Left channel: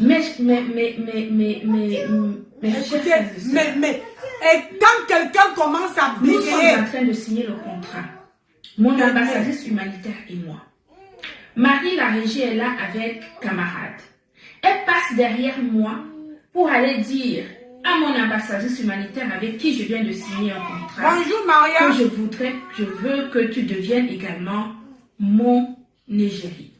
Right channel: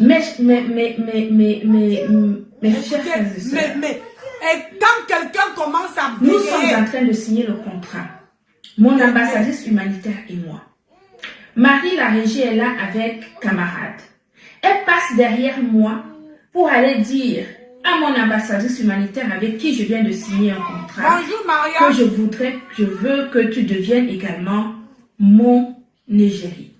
Et quand quelqu'un commence à bégayer, nous sommes en train de signer le contrat. Mon ambassadrice humanitaire et moi. Marie, la régie, est là avec camarade. Elle passe derrière moi pour aller dire à mon ambassadrice humanitaire avec qui je viens de signer un contrat. Bonjour Maria. Que je veux que tu deviennes également mon égérie.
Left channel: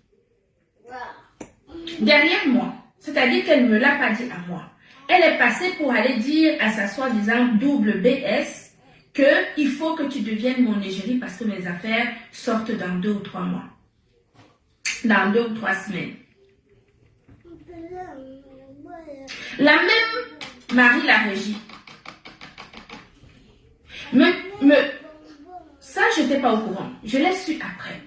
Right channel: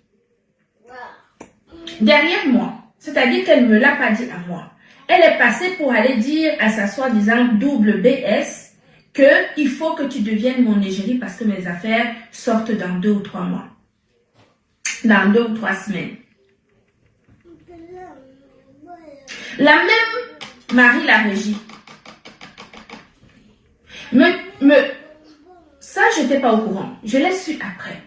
Derrière moi, c'est-à-dire qu'elle ne me l'a pas dit à moi. Elle est passée pour aller dire à sa soi-disant double BS qu'il faut que tu deviennes mon égérie parce que mes affaires sortent dans 2 ou 3 mois. Dans 2 ou 3 semaines. La même Marie la régie. Ça, je n'étais pas au courant. Je l'ai su après.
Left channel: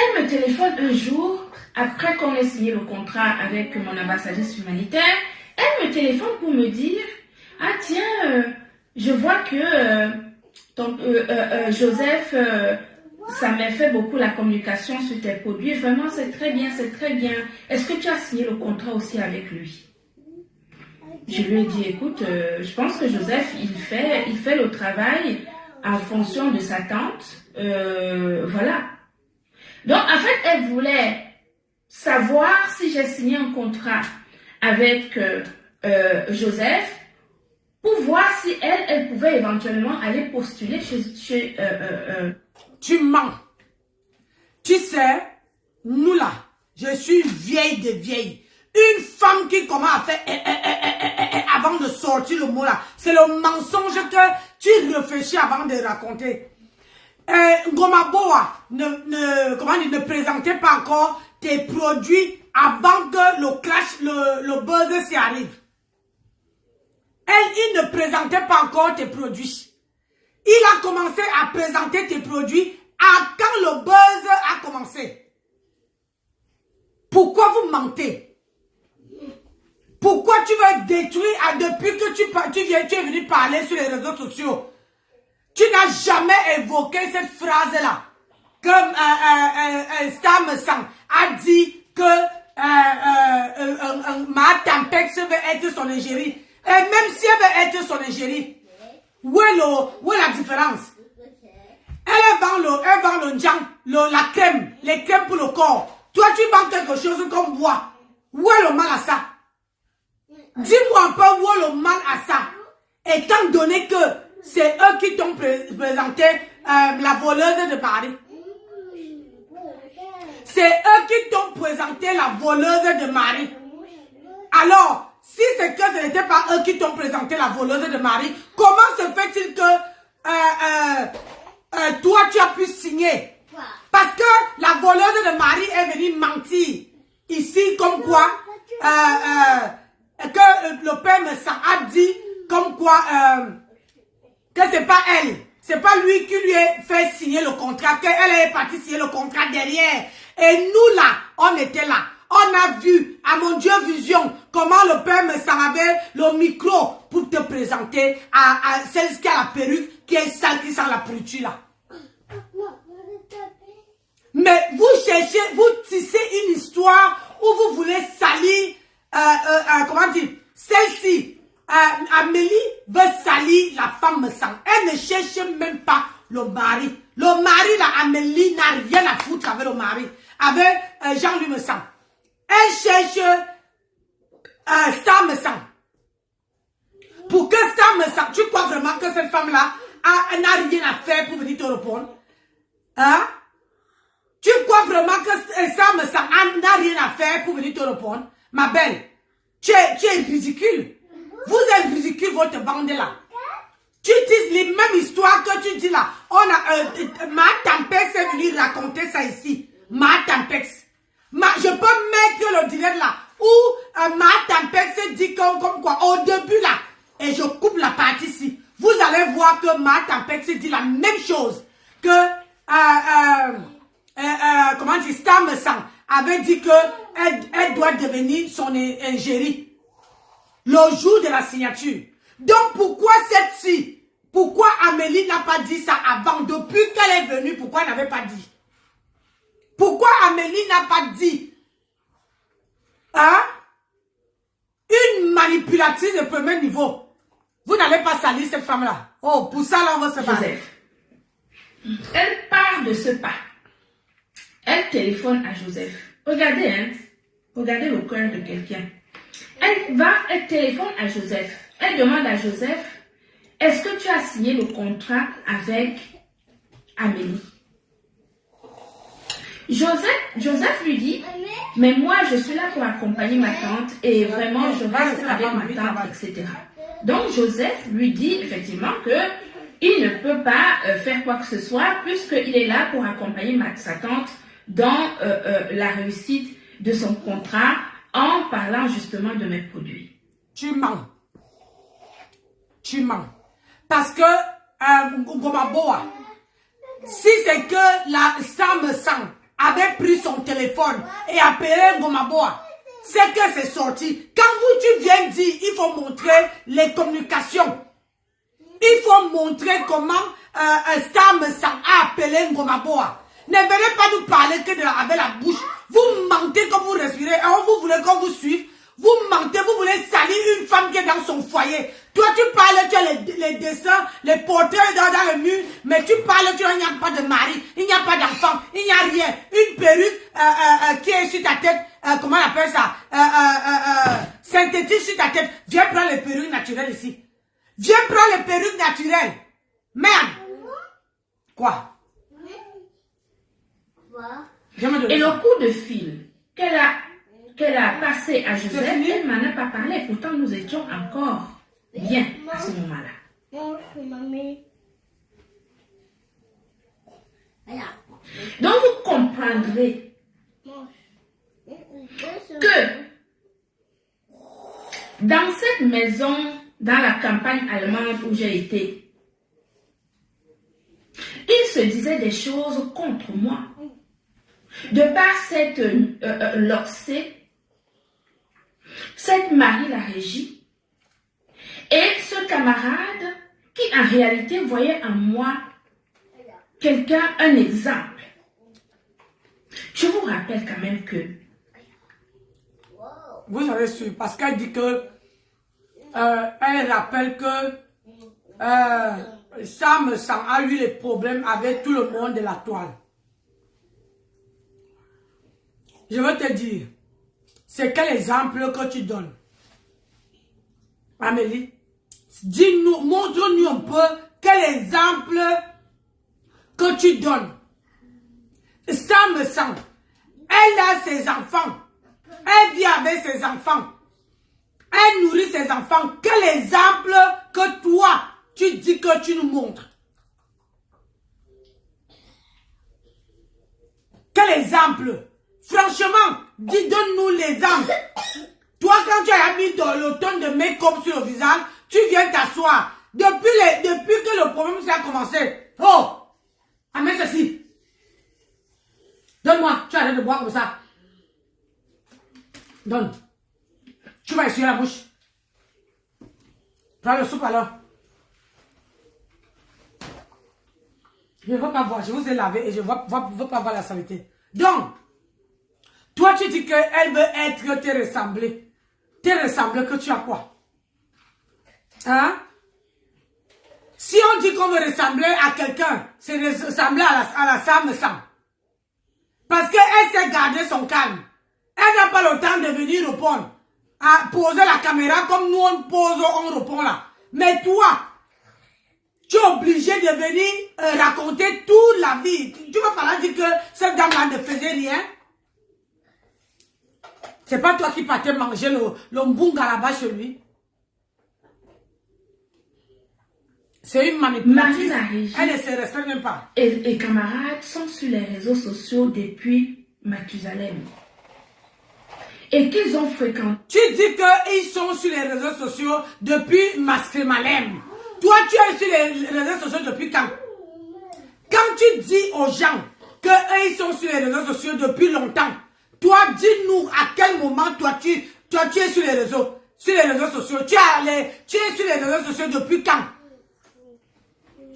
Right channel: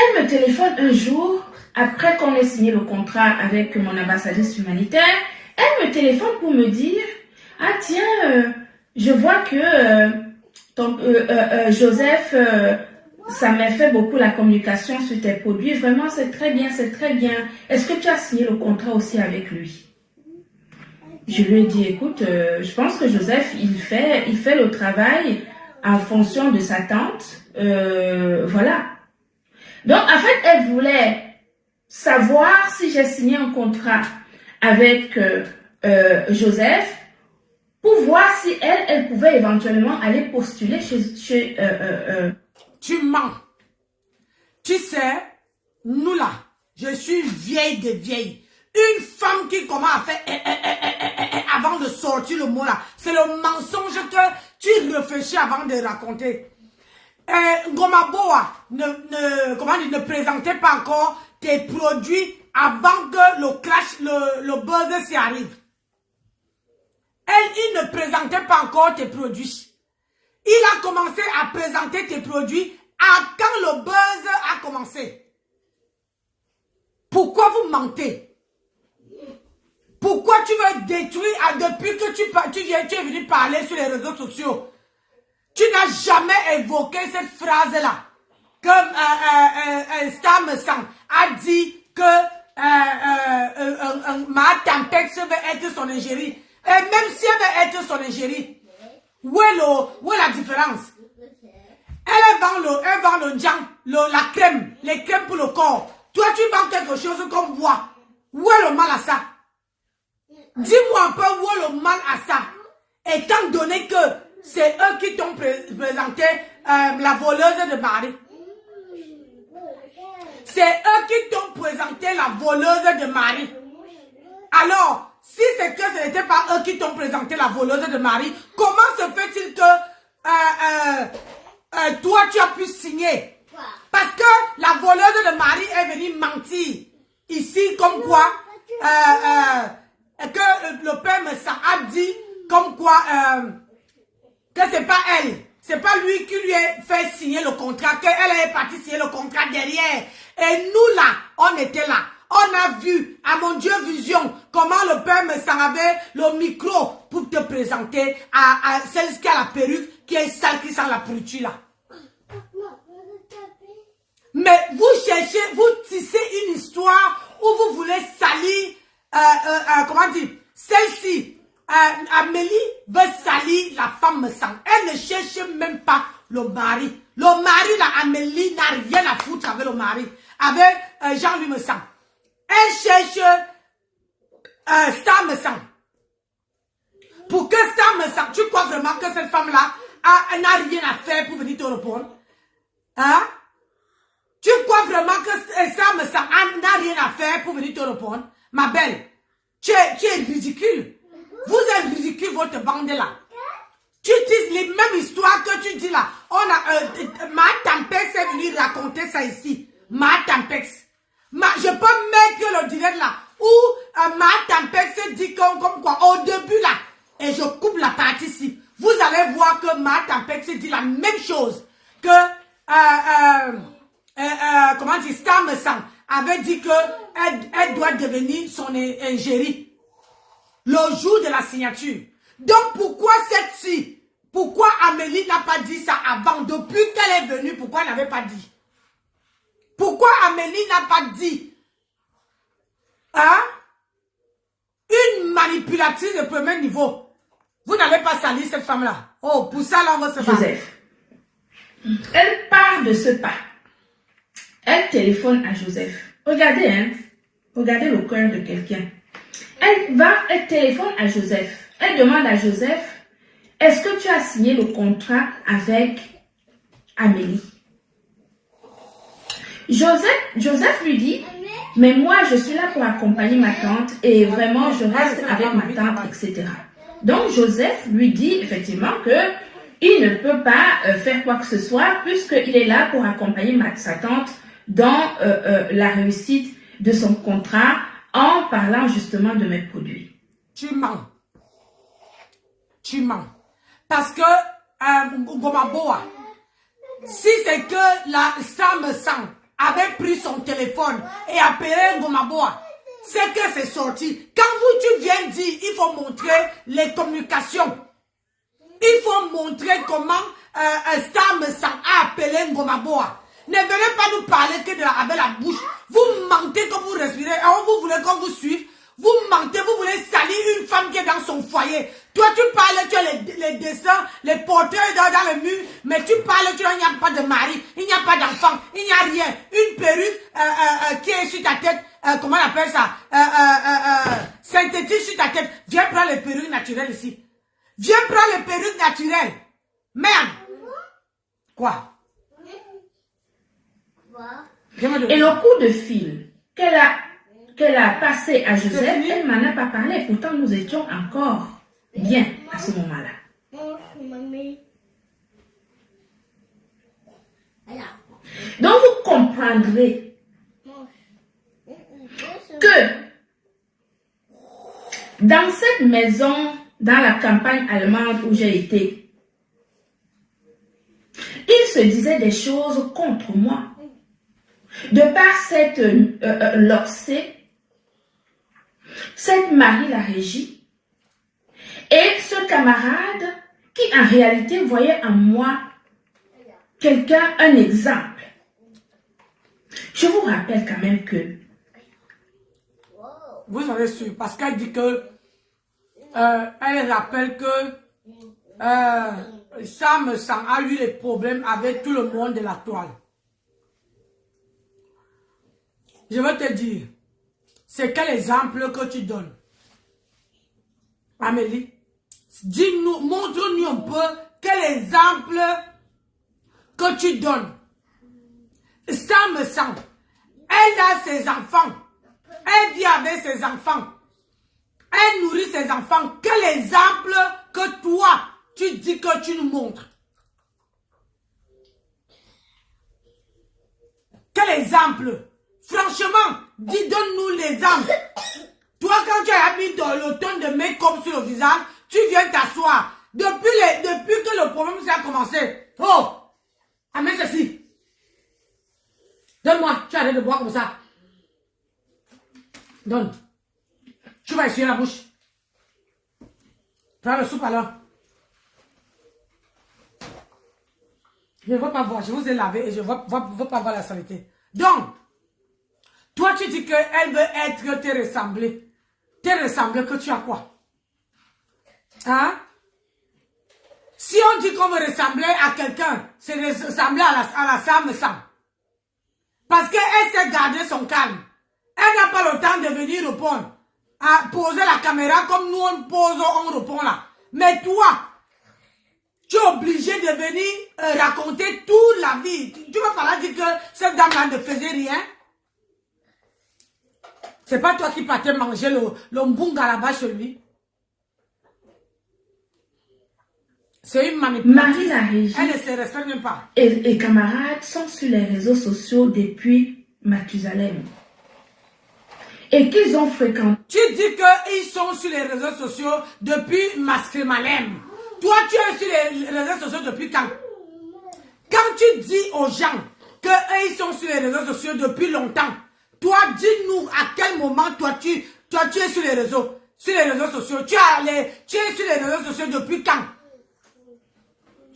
Elle me téléphone un jour, après qu'on ait signé le contrat avec mon ambassadrice humanitaire, elle me téléphone pour me dire « Ah tiens, je vois que Joseph, ça m'a fait beaucoup la communication sur tes produits. Vraiment, c'est très bien, c'est très bien. Est-ce que tu as signé le contrat aussi avec lui ?» Je lui ai dit « Écoute, je pense que Joseph, il fait le travail en fonction de sa tante. Voilà. » Donc, en fait, elle voulait savoir si j'ai signé un contrat avec Joseph pour voir si elle pouvait éventuellement aller postuler chez Tu mens. Tu sais, nous là, je suis vieille de vieille. Une femme qui commence à faire avant de sortir le mot là, c'est le mensonge que tu réfléchis avant de raconter. Gomaboa ne présentait pas encore tes produits avant que le clash, le buzz s'y arrive. Il ne présentait pas encore tes produits. Il a commencé à présenter tes produits quand le buzz a commencé. Pourquoi vous mentez? Pourquoi tu veux détruire depuis que tu es venu parler sur les réseaux sociaux? Tu n'as jamais évoqué cette phrase-là. Que Stam Sang a dit que Ma Tampex veut être son égérie. Et même si elle veut être son égérie, où est la différence? Elle vend le njang, la crème, les crèmes pour le corps. Toi, tu vends quelque chose comme bois. Où est le mal à ça? Dis-moi un peu où est le mal à ça. Étant donné que c'est eux qui t'ont présenté la voleuse de Marie. C'est eux qui t'ont présenté la voleuse de Marie. Alors, si c'est que ce n'était pas eux qui t'ont présenté la voleuse de Marie, comment se fait-il que toi, tu as pu signer? Parce que la voleuse de Marie est venue mentir ici comme quoi que le père me a dit comme quoi que c'est pas elle, c'est pas lui qui lui a fait signer le contrat, qu'elle est partie signer le contrat derrière. Et nous là, on était là. On a vu, à mon Dieu vision, comment le père me avait le micro pour te présenter à celle qui a la perruque, qui est sale, qui sent la pourriture là. Mais vous cherchez, vous tissez une histoire où vous voulez salir, comment dire, celle-ci. Amélie veut salir la femme sang. Elle ne cherche même pas le mari. Le mari, là, Amélie n'a rien à foutre avec le mari. Avec Jean-Louis Messang. Elle cherche Star Messang. Pour que Star Messang, tu crois vraiment que cette femme-là n'a rien à faire pour venir te répondre? Hein? Tu crois vraiment que Star Messang n'a rien à faire pour venir te répondre? Ma belle, tu es ridicule. Vous êtes ridicule, votre bande là. Tu dis les mêmes histoires que tu dis là. Ma Tampex est venue raconter ça ici. Ma Tampex. Je peux mettre le direct là. Où Ma Tampex dit comme quoi. Au début là. Et je coupe la partie ici. Vous allez voir que Ma Tampex dit la même chose. Que, comment dire, Stam Sang avait dit que elle doit devenir son égérie. Le jour de la signature. Donc, pourquoi cette-ci? Pourquoi Amélie n'a pas dit ça avant? Depuis qu'elle est venue, pourquoi elle n'avait pas dit? Pourquoi Amélie n'a pas dit, hein, une manipulatrice de premier niveau? Vous n'allez pas salir cette femme-là. Oh, pour ça, là, on va se battre. Joseph. Elle part de ce pas. Elle téléphone à Joseph. Regardez, hein. Regardez le cœur de quelqu'un. Elle téléphone à Joseph. Elle demande à Joseph, est-ce que tu as signé le contrat avec Amélie? Joseph lui dit, mais moi, je suis là pour accompagner ma tante et vraiment, je reste avec ma tante, etc. Donc, Joseph lui dit effectivement que il ne peut pas faire quoi que ce soit puisqu'il est là pour accompagner sa tante dans la réussite de son contrat en parlant justement de mes produits. Tu mens. Tu mens. Parce que, Ngomaboa, si c'est que la Sam Sang avait pris son téléphone et appelé Ngomaboa, c'est que c'est sorti. Quand tu viens dire, il faut montrer les communications. Il faut montrer comment Sam Sang a appelé Ngomaboa. Ne venez pas nous parler que avec la bouche. Vous mentez quand vous respirez. Alors vous voulez qu'on vous suive. Vous mentez, vous voulez salir une femme qui est dans son foyer. Toi, tu parles, tu as les dessins, les portraits dans le mur, mais tu parles, il n'y a pas de mari, il n'y a pas d'enfant, il n'y a rien. Une perruque qui est sur ta tête, comment on appelle ça, synthétique sur ta tête. Viens prendre les perruques naturelles ici. Viens prendre les perruques naturelles. Merde. Quoi? Et le coup de fil qu'elle a passé à Joseph, elle m'en a pas parlé. Pourtant, nous étions encore bien à ce moment-là. Donc, vous comprendrez que dans cette maison, dans la campagne allemande où j'ai été, il se disait des choses contre moi. De par cette Loxé, cette Marie la Régie, et ce camarade qui en réalité voyait en moi quelqu'un, un exemple. Je vous rappelle quand même que... Vous avez su, parce qu'elle dit que... elle rappelle que... Sam Sang a eu des problèmes avec tout le monde de la toile. Je veux te dire, c'est quel exemple que tu donnes? Amélie, dis-nous, montre-nous un peu quel exemple que tu donnes. Sam Sang, elle a ses enfants, elle vit avec ses enfants, elle nourrit ses enfants. Quel exemple que toi, tu dis que tu nous montres? Quel exemple? Franchement, donne-nous l'exemple. Toi, quand tu as mis le ton de make-up sur le visage, tu viens t'asseoir. Depuis que le problème a commencé. Oh! Amène ceci. Donne-moi. Tu arrêtes de boire comme ça. Donne. Tu vas essuyer la bouche. Prends le soupe alors. Je ne veux pas voir. Je vous ai lavé et je ne veux pas voir la saleté. Donc, toi, tu dis qu'elle veut être te ressembler. Te ressembler que tu as quoi? Hein? Si on dit qu'on veut ressembler à quelqu'un, c'est ressembler à la Sam Sang. Parce qu'elle s'est gardé son calme. Elle n'a pas le temps de venir répondre. À poser la caméra comme nous on pose, on répond là. Mais toi, tu es obligé de venir raconter toute la vie. Tu vas falloir dire que cette dame-là ne faisait rien. C'est pas toi qui partais manger le mbunga là-bas chez lui. C'est une manipulatrice. Elle ne se respecte même pas. Et camarades sont sur les réseaux sociaux depuis Mathusalem. Et qu'ils ont fréquenté. Tu dis qu'ils sont sur les réseaux sociaux depuis Mascrimalem. Toi, tu es sur les réseaux sociaux depuis quand? Quand tu dis aux gens qu'ils sont sur les réseaux sociaux depuis longtemps, toi, dis-nous à quel moment toi tu es sur les réseaux sociaux. Tu es sur les réseaux sociaux depuis quand?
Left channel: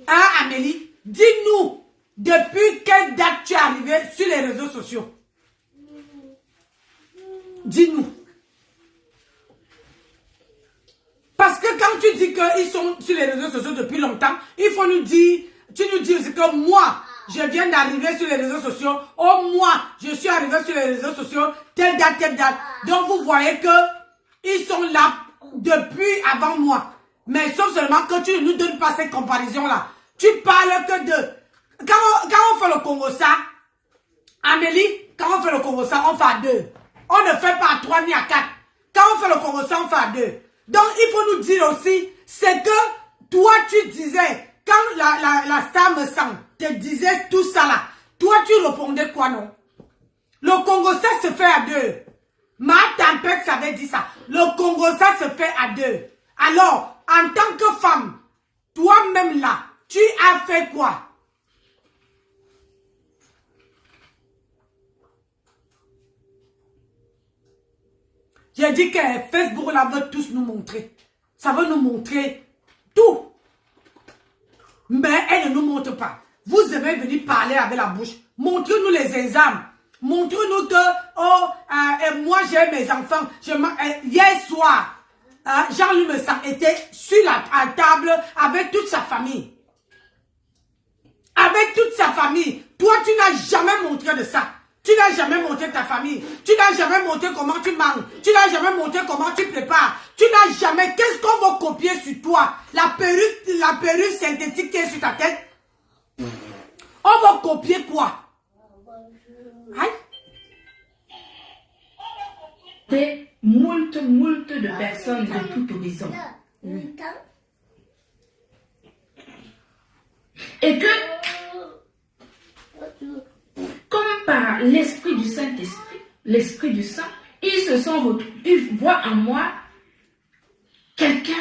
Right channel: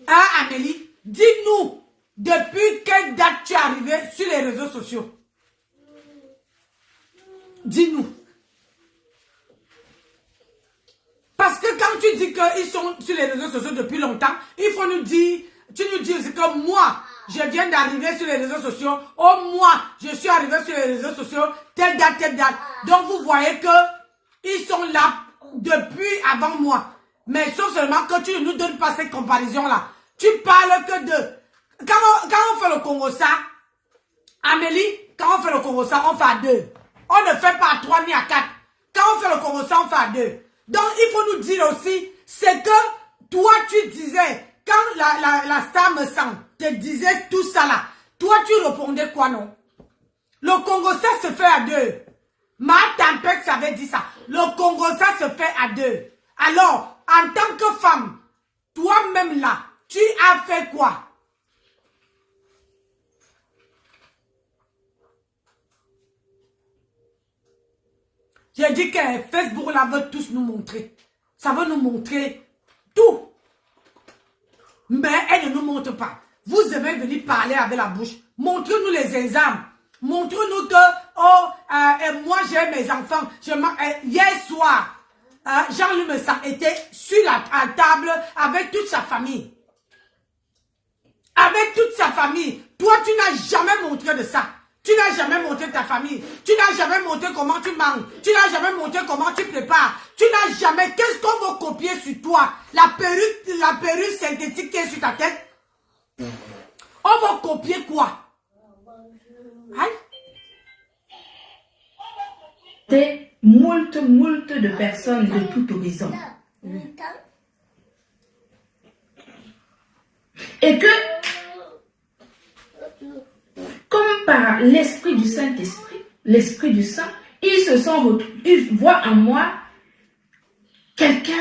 Hein, Amélie? Dis-nous. depuis quelle date tu es arrivé sur les réseaux sociaux? Dis-nous. Parce que quand tu dis qu'ils sont sur les réseaux sociaux depuis longtemps, il faut nous dire, tu nous dis aussi que moi, je viens d'arriver sur les réseaux sociaux. Oh, moi, je suis arrivé sur les réseaux sociaux, telle date, telle date. Donc, vous voyez que ils sont là depuis avant moi. Mais sauf seulement que tu ne nous donnes pas cette comparaison-là. Tu parles que de... Quand on fait le Congo-ça, Amélie, quand on fait le Congo-ça, on fait à 2. On ne fait pas à 3 ni à 4. Quand on fait le Congo-ça, on fait à 2. Donc, il faut nous dire aussi, c'est que toi, tu disais, quand la star me sent, te disait tout ça là, toi, tu répondais quoi, non? Le Congo-ça se fait à 2. Ma tempête, ça avait dit ça. Le Congo-ça se fait à 2. Alors, en tant que femme, toi-même là, tu as fait quoi? J'ai dit que Facebook là veut tous nous montrer. Ça veut nous montrer tout. Mais elle ne nous montre pas. Vous aimez venir parler avec la bouche. Montrez-nous les examens. Montrez-nous que, moi j'ai mes enfants. Hier soir, Jean-Luc Messant était sur la table avec toute sa famille. Avec toute sa famille. Toi, tu n'as jamais montré de ça. Tu n'as jamais montré ta famille. Tu n'as jamais montré comment tu manges. Tu n'as jamais montré comment tu prépares. Tu n'as jamais... Qu'est-ce qu'on va copier sur toi? La perruque synthétique qui est sur ta tête? On va copier quoi? Hein? Des moult de personnes de tout horizon. Et que... comme par l'esprit du Saint-Esprit, l'esprit du Saint, ils voient en moi quelqu'un,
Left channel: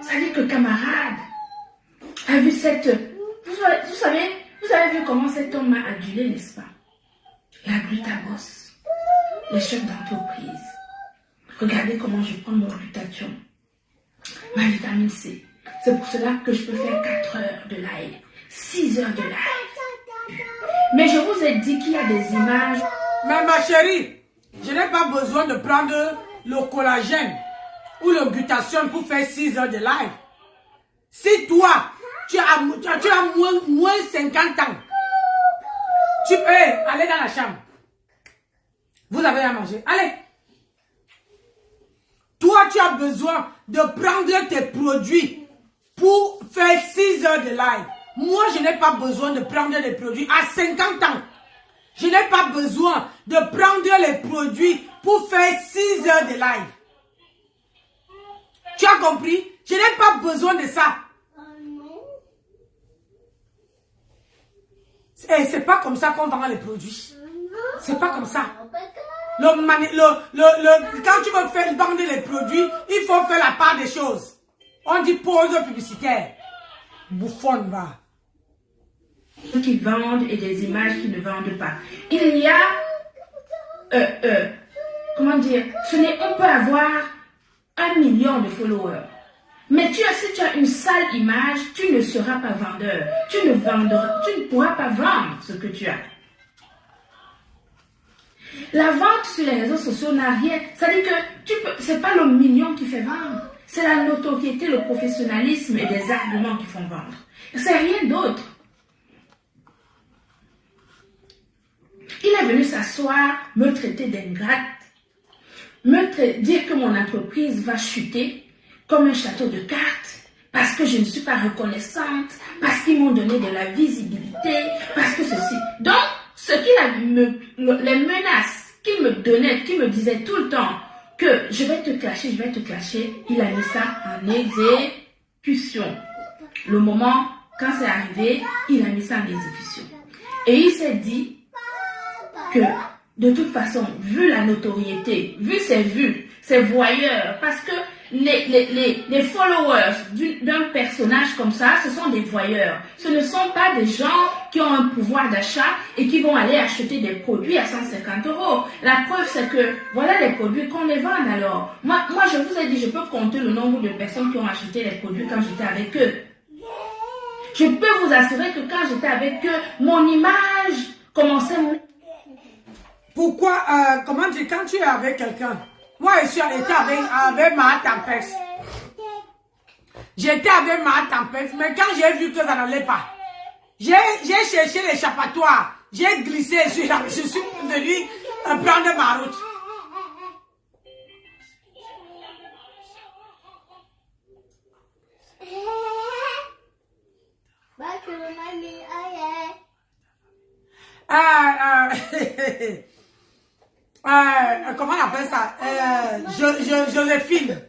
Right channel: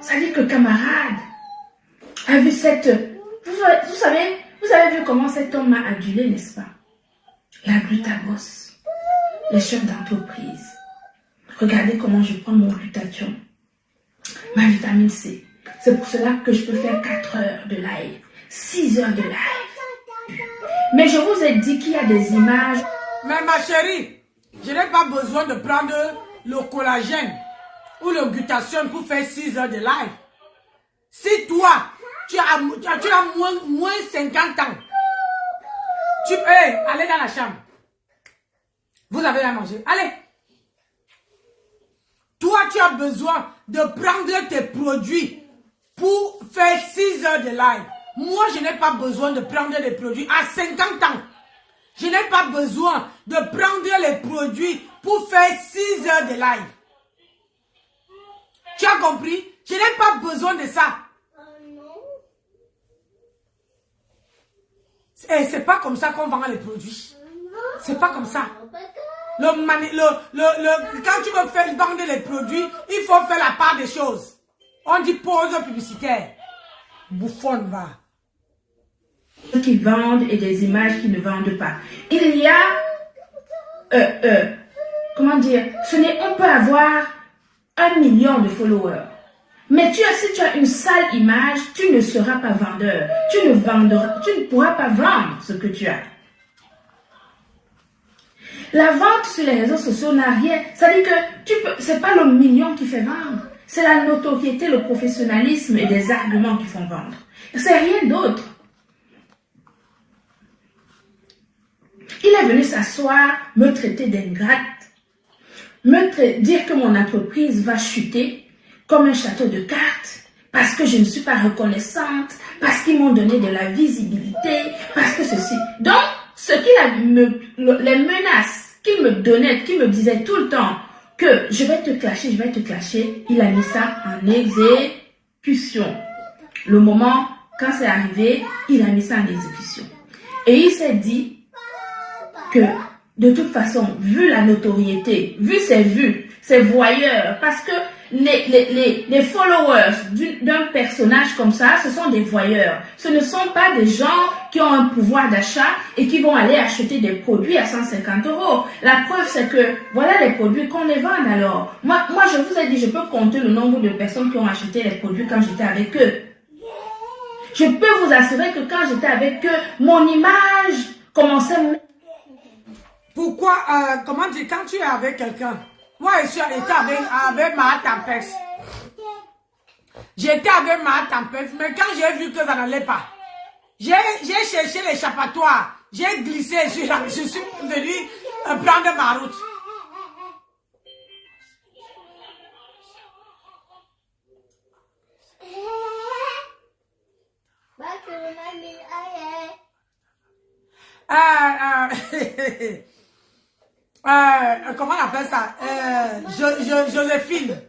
ça dit que camarade, a vu cette... Vous avez vu comment cet homme m'a adulé, n'est-ce pas? Il a glutabos, les chefs d'entreprise. Regardez comment je prends mon glutathion, ma vitamine C. C'est pour cela que je peux faire 4 heures de live, 6 heures de live. Mais je vous ai dit qu'il y a des images. Mais ma chérie, je n'ai pas besoin de prendre le collagène ou le glutathion pour faire 6 heures de live. Si toi, tu as moins 50 ans, tu peux aller dans la chambre. Vous avez à manger. Allez. Toi, tu as besoin de prendre tes produits pour faire 6 heures de live. Moi, je n'ai pas besoin de prendre les produits à 50 ans. Je n'ai pas besoin de prendre les produits pour faire 6 heures de live. Tu as compris? Je n'ai pas besoin de ça. C'est pas comme ça qu'on vend les produits. C'est pas comme ça. Quand tu veux faire vendre les produits, il faut faire la part des choses. On dit pause publicitaire. Bouffonne va. Qui vendent et des images qui ne vendent pas. Il y a, comment dire, on peut avoir 1 million de followers. Mais si tu as une sale image, tu ne seras pas vendeur. Tu ne pourras pas vendre ce que tu as. La vente sur les réseaux sociaux n'a rien. Ça veut dire que c'est pas le million qui fait vendre. C'est la notoriété, le professionnalisme et des arguments qui font vendre. C'est rien d'autre. Il est venu s'asseoir, me traiter d'ingrate, dire que mon entreprise va chuter comme un château de cartes, parce que je ne suis pas reconnaissante, parce qu'ils m'ont donné de la visibilité, parce que ceci. Donc, les menaces qu'il me donnait, qu'il me disait tout le temps, que je vais te clasher, il a mis ça en exécution. Le moment, quand c'est arrivé, il a mis ça en exécution. Et il s'est dit que, de toute façon, vu la notoriété, vu ses vues, ses voyeurs, parce que les followers d'un personnage comme ça, ce sont des voyeurs. Ce ne sont pas des gens qui ont un pouvoir d'achat et qui vont aller acheter des produits à 150 €. La preuve, c'est que voilà les produits qu'on les vend alors. Moi, je vous ai dit, je peux compter le nombre de personnes qui ont acheté les produits quand j'étais avec eux. Je peux vous assurer que quand j'étais avec eux, mon image commençait... Pourquoi, comment dire, quand tu es avec quelqu'un, moi je suis été avec ma tempête. J'étais avec ma tempête, mais quand j'ai vu que ça n'allait pas, j'ai cherché l'échappatoire, j'ai glissé, je suis venue prendre ma route. Comment on appelle ça? Joséphine.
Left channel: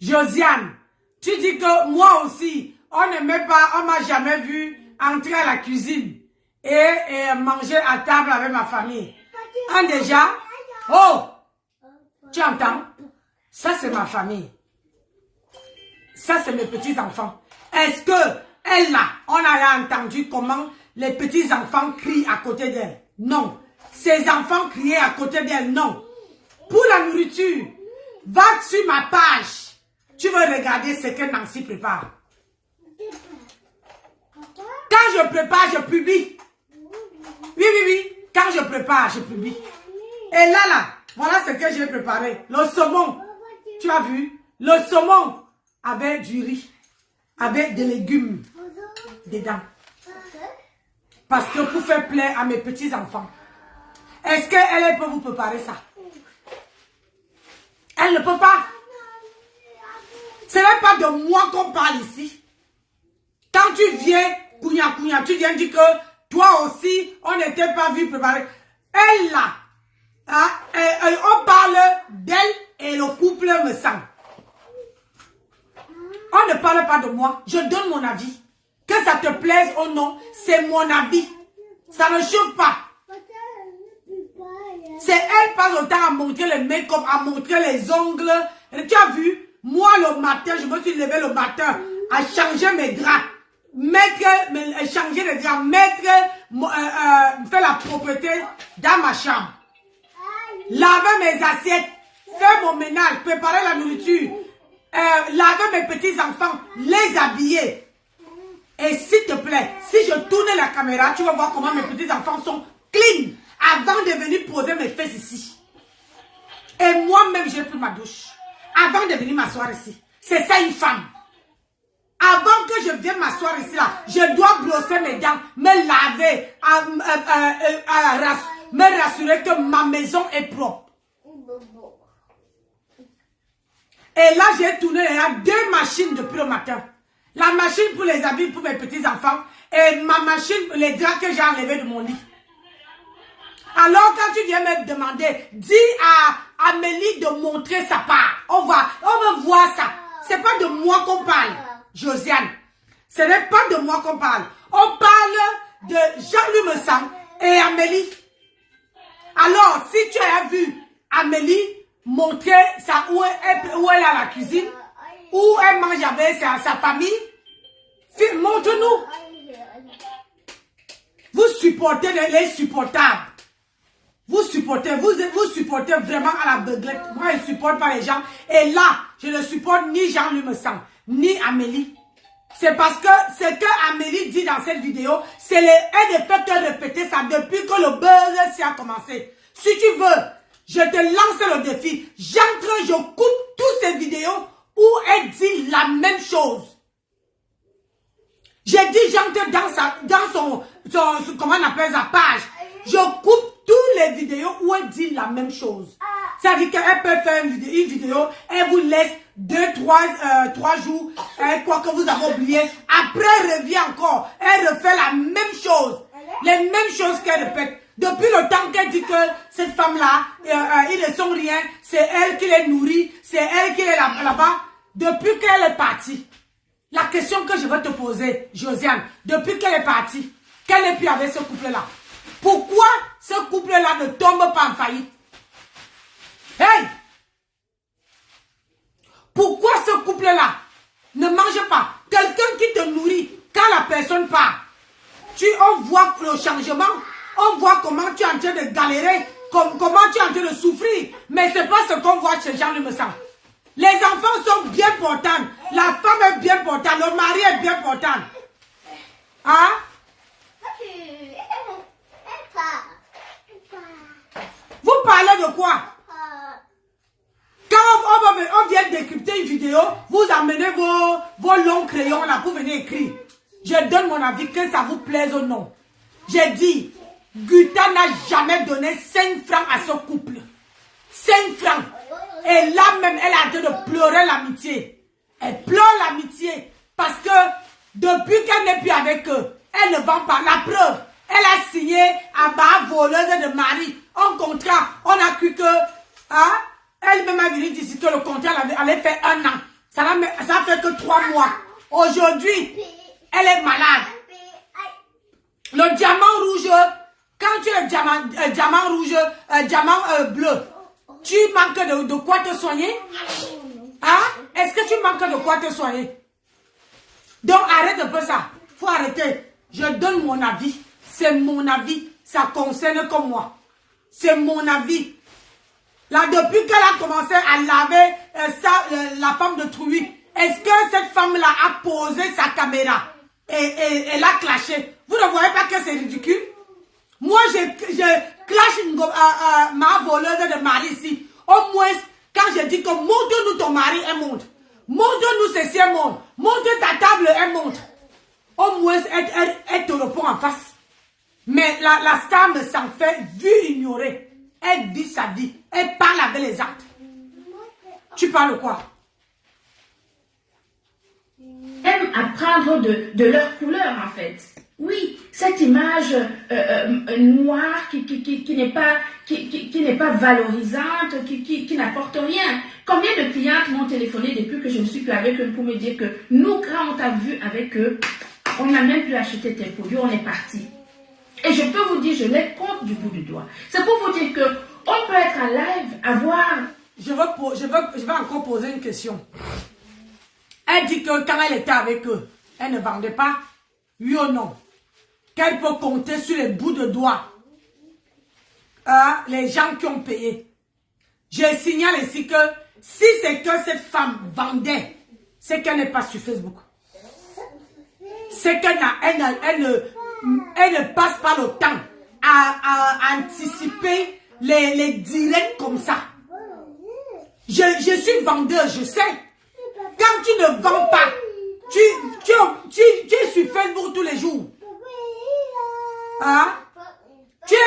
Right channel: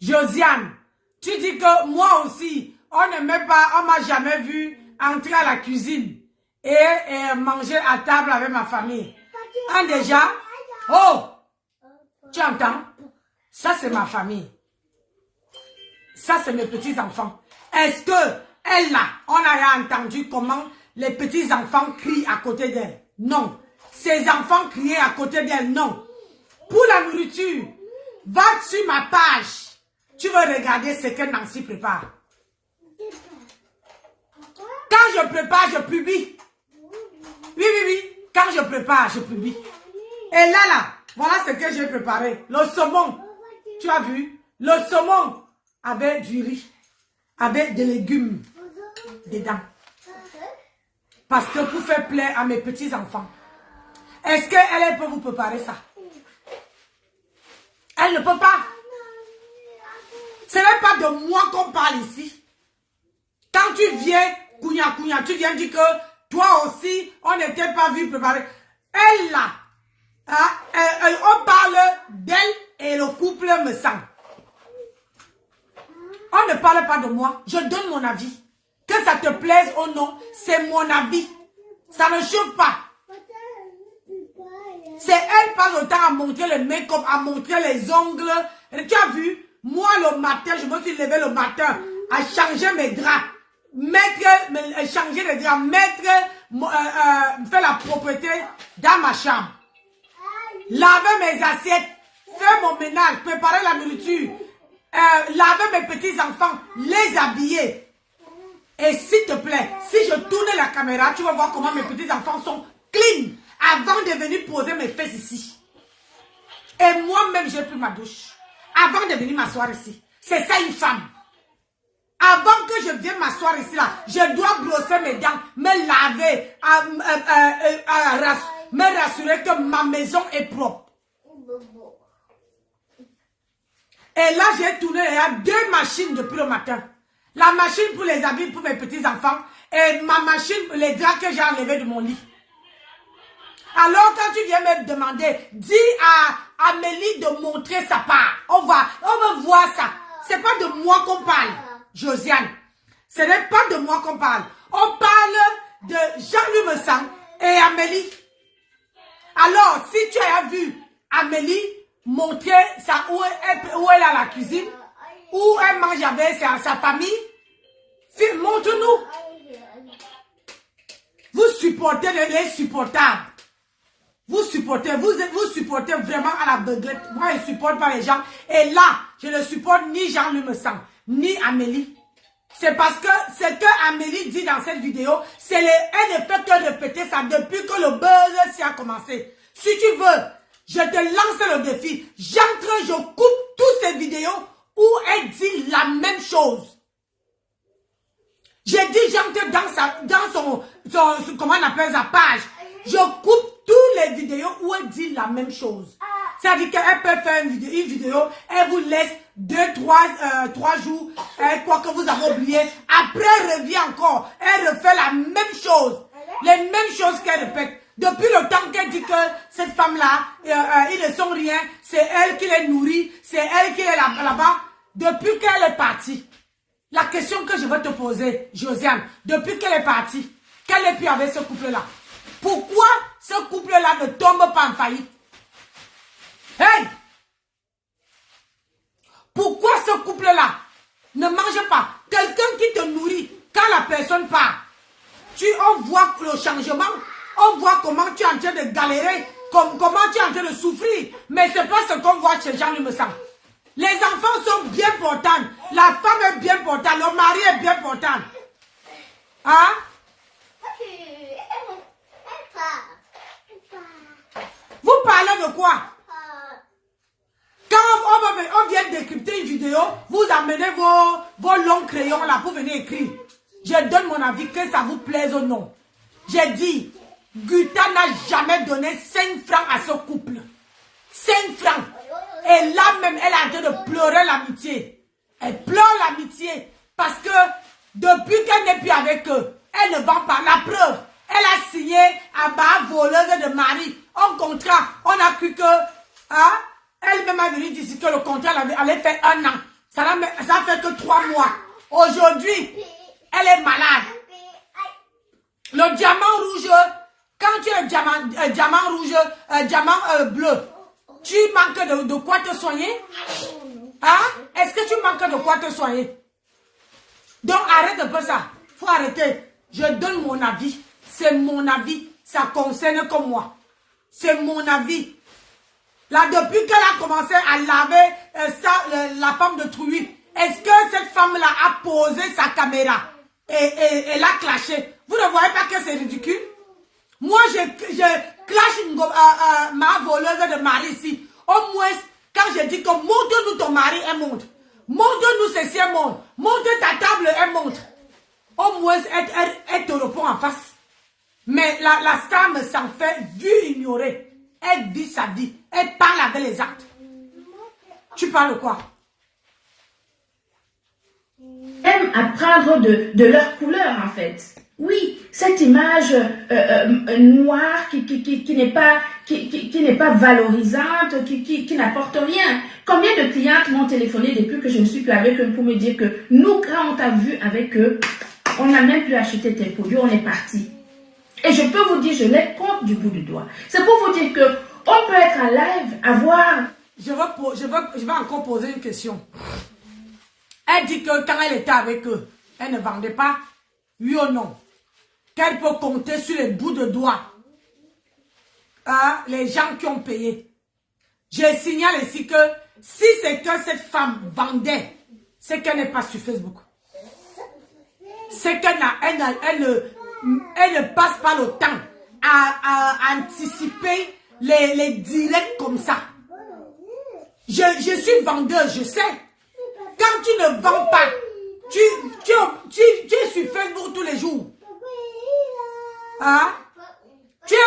Josiane. Tu dis que moi aussi, on ne m'aime pas, on m'a jamais vu entrer à la cuisine et manger à table avec ma famille. Déjà, oh, tu entends? Ça c'est ma famille. Ça c'est mes petits-enfants. Est-ce que elle là, on a entendu comment les petits-enfants crient à côté d'elle? Non. Ses enfants criaient à côté d'elle? Non. Pour la nourriture, va sur ma page. Tu veux regarder ce que Nancy prépare. Quand je prépare, je publie. Oui. Quand je prépare, je publie. Et là, voilà ce que j'ai préparé. Le saumon. Tu as vu? Le saumon avec du riz. Avec des légumes dedans. Parce que pour faire plaisir à mes petits-enfants. Est-ce qu'elle peut vous préparer ça? Elle ne peut pas. Ce n'est pas de moi qu'on parle ici. Quand tu viens, Kounia, tu viens dire que toi aussi, on n'était pas vu préparer. Elle là, on parle d'elle et le couple me sent. On ne parle pas de moi. Je donne mon avis. Que ça te plaise ou non, c'est mon avis. Ça ne chauffe pas. C'est elle passe le temps à montrer le make-up, à montrer les ongles. Et tu as vu? Moi, le matin, je me suis levé le matin à changer mes draps, changer les draps, faire la propreté dans ma chambre, laver mes assiettes, faire mon ménage, préparer la nourriture, laver mes petits-enfants, les habiller. Et s'il te plaît, si je tourne la caméra, tu vas voir comment mes petits-enfants sont clean avant de venir poser mes fesses ici. Et moi-même, j'ai pris ma douche. Avant de venir m'asseoir ici. C'est ça une femme. Avant que je vienne m'asseoir ici, là, je dois brosser mes dents, me laver, me rassurer que ma maison est propre. Et là, j'ai tourné, il y a 2 machines depuis le matin. La machine pour les habits pour mes petits-enfants et ma machine pour les draps que j'ai enlevés de mon lit. Alors, quand tu viens me demander, dis à Amélie de montrer sa part. On va voir ça. C'est pas de moi qu'on parle, Josiane. Ce n'est pas de moi qu'on parle. On parle de Jean-Louis Messang et Amélie. Alors, si tu as vu Amélie montrer ça, où elle est à la cuisine, où elle mange avec sa famille, montre-nous. Vous supportez les supportables. Vous supportez vraiment à la beuglette. Moi, je ne supporte pas les gens. Et là, je ne supporte ni Jean-Louis Messang, ni Amélie. C'est parce que ce que Amélie dit dans cette vidéo, c'est elle ne fait que répéter ça depuis que le buzz a commencé. Si tu veux, je te lance le défi. J'entre, je coupe toutes ces vidéos où elle dit la même chose. J'ai dit j'entre dans son, comment on appelle sa page. Je coupe toutes les vidéos où elle dit la même chose. C'est-à-dire qu'elle peut faire une vidéo, elle vous laisse 3 jours, quoi que vous avez oublié. Après, elle revient encore. Elle refait la même chose. Les mêmes choses qu'elle répète. Depuis le temps qu'elle dit que cette femme-là, ils ne sont rien, c'est elle qui les nourrit, c'est elle qui est là-bas. Depuis qu'elle est partie, la question que je vais te poser, Josiane, depuis qu'elle est partie, qu'elle est plus avec ce couple-là? Pourquoi ce couple-là ne tombe pas en faillite? Hey! Pourquoi ce couple-là ne mange pas? Quelqu'un qui te nourrit, quand la personne part, on voit le changement, on voit comment tu es en train de galérer, comment tu es en train de souffrir. Mais ce n'est pas ce qu'on voit chez Jean-Louis Messang. Les enfants sont bien portants. La femme est bien portante. Le mari est bien portant. Hein? Vous parlez de quoi? Quand on vient décrypter une vidéo, vous amenez vos longs crayons là pour venir écrire. Je donne mon avis, que ça vous plaise ou non. J'ai dit, Guta n'a jamais donné 5 francs à ce couple. 5 francs. Et là même, elle a en train de pleurer l'amitié. Elle pleure l'amitié. Parce que depuis qu'elle n'est plus avec eux, elle ne vend pas. La preuve, elle a signé à bas voleuse de mari un contrat. On a cru que, hein, elle-même a dit ici que le contrat allait faire 1 an. Ça fait que 3 mois. Aujourd'hui, elle est malade. Le diamant rouge, quand tu es diamant rouge, diamant bleu, tu manques de quoi te soigner? Hein? Est-ce que tu manques de quoi te soigner? Donc arrête un peu ça. Faut arrêter. Je donne mon avis. C'est mon avis. Ça concerne que moi. C'est mon avis. Là, depuis qu'elle a commencé à laver la femme de Trouy, est-ce que cette femme-là a posé sa caméra et l'a clashé? Vous ne voyez pas que c'est ridicule? Moi, je clash ma voleuse de mari ici. Au moins, quand je dis que montre-nous ton mari, elle montre. Montre-nous ceci, elle montre. Montre ta table, elle montre. Au moins, elle te répond en face. Mais la femme s'en fait vu ignorer. Elle vit sa vie. Elle parle avec les actes. Tu parles quoi? Aiment apprendre de leur couleur, en fait. Oui, cette image noire qui n'est pas valorisante, qui n'apporte rien. Combien de clientes m'ont téléphoné depuis que je ne suis plus avec eux pour me dire que nous, quand on t'a vu avec eux, on n'a même plus acheté tes produits, on est parti. Et je peux vous dire, je les compte du bout du doigt. C'est pour vous dire que on peut être en live, avoir... Je vais encore poser une question. Elle dit que quand elle était avec eux, elle ne vendait pas. Oui ou non? Qu'elle peut compter sur les bouts de doigts. Les gens qui ont payé. Je signale ici que si c'est que cette femme vendait, c'est qu'elle n'est pas sur Facebook. C'est qu'elle ne passe pas le temps à anticiper les directs comme ça. Je suis vendeuse, je sais. Quand tu ne vends pas, tu es sur Facebook tous les jours. Hein? Tu es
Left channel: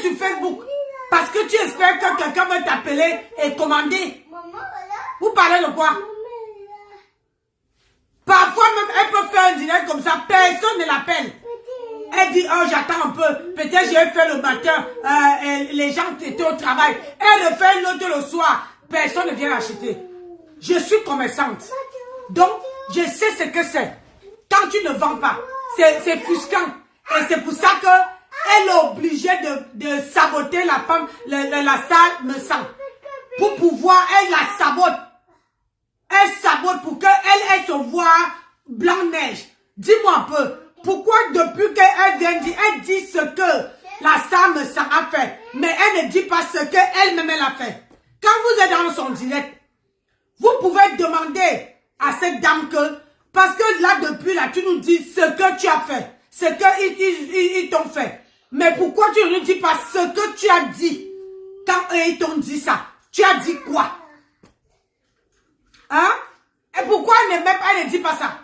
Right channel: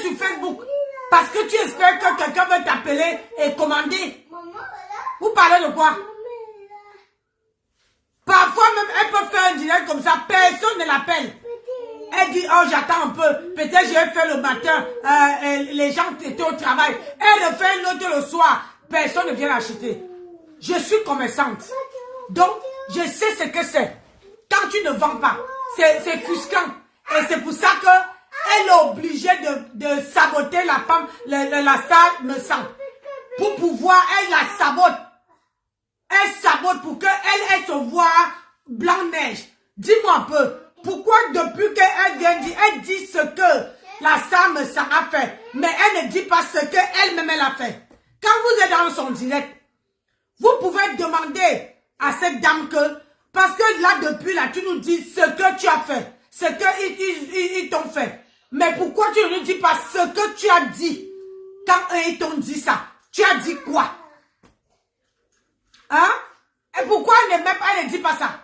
sur Facebook parce que tu espères que quelqu'un va t'appeler et commander. Vous parlez de quoi? Parfois même, elle peut faire un direct comme ça, personne ne l'appelle. Elle dit, oh j'attends un peu, peut-être je vais faire le matin, les gens étaient au travail. Elle refait l'autre le soir, personne ne vient l'acheter. Je suis commerçante, donc je sais ce que c'est. Quand tu ne vends pas, c'est frustrant. Et c'est pour ça qu'elle est obligée de saboter la femme, la salle me sent. Pour pouvoir, elle la sabote. Elle sabote pour qu'elle se voit blanc-neige. Dis-moi un peu, pourquoi depuis qu'elle vient dire, elle dit ce que la salle me sent a fait, mais elle ne dit pas ce qu'elle-même elle a fait. Quand vous êtes dans son direct, vous pouvez demander à cette dame que, parce que là, depuis là, tu nous dis ce que tu as fait, ce qu'ils t'ont fait. Mais pourquoi tu ne dis pas ce que tu as dit quand ils t'ont dit ça? Tu as dit quoi? Hein? Et pourquoi elle ne dit pas ça?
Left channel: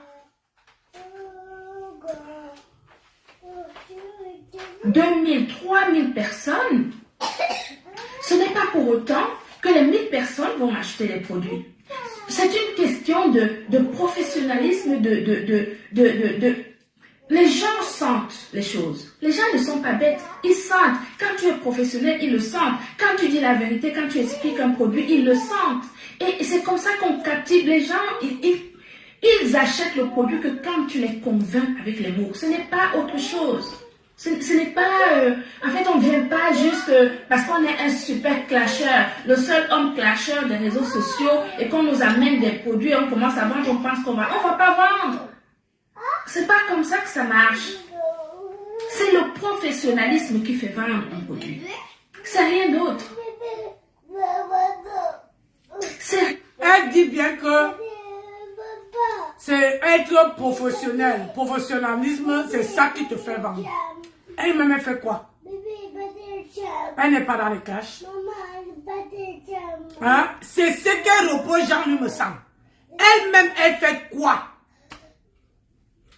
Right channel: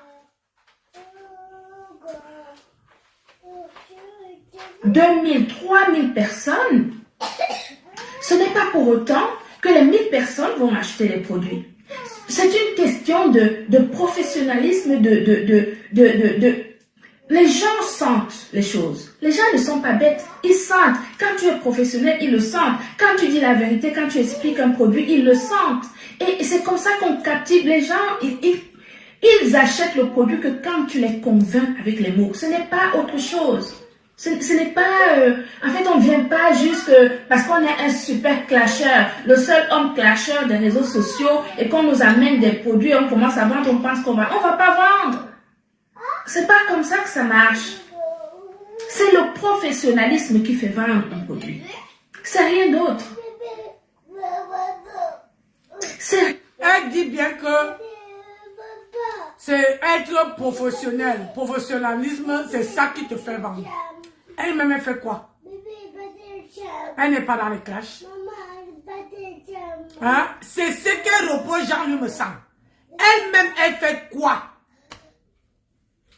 2000, 3000 personnes, ce n'est pas pour autant que les 1000 personnes vont acheter les produits. C'est une question de professionnalisme, les gens sentent les choses. Les gens ne sont pas bêtes, ils sentent. Quand tu es professionnel, ils le sentent. Quand tu dis la vérité, quand tu expliques un produit, ils le sentent. Et c'est comme ça qu'on captive les gens. Ils achètent le produit que quand tu les convaincs avec les mots. Ce n'est pas autre chose. Ce n'est pas... en fait, on ne vient pas juste parce qu'on est un super clasheur, le seul homme clasheur des réseaux sociaux, et qu'on nous amène des produits, on commence à vendre, on pense qu'on va... On ne va pas vendre. C'est pas comme ça que ça marche. C'est le professionnalisme qui fait vendre un produit. C'est rien d'autre. Elle dit bien que c'est être professionnel. Professionnalisme, c'est ça qui te fait vendre. Elle-même, elle fait quoi? Elle n'est pas dans les clashs. Hein? C'est ce qu'elle reproche Jean-Louis me semble. Elle-même, elle fait quoi?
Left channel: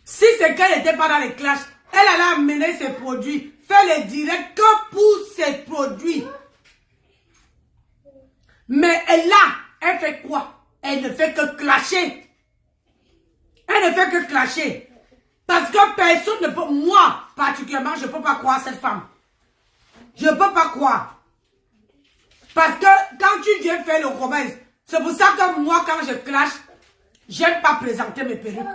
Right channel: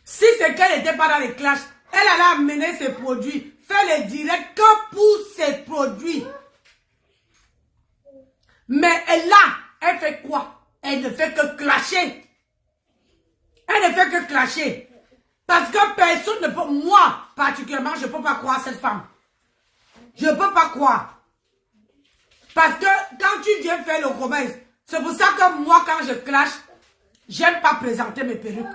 Si c'est qu'elle n'était pas dans les clashs, elle allait amener ses produits, faire les directs que pour ses produits. Mais elle là, elle fait quoi? Elle ne fait que clasher. Elle ne fait que clasher. Parce que personne ne peut, moi particulièrement, je ne peux pas croire cette femme. Je ne peux pas croire. Parce que quand tu viens faire le commerce, c'est pour ça que moi, quand je clash, j'aime pas présenter mes perruques.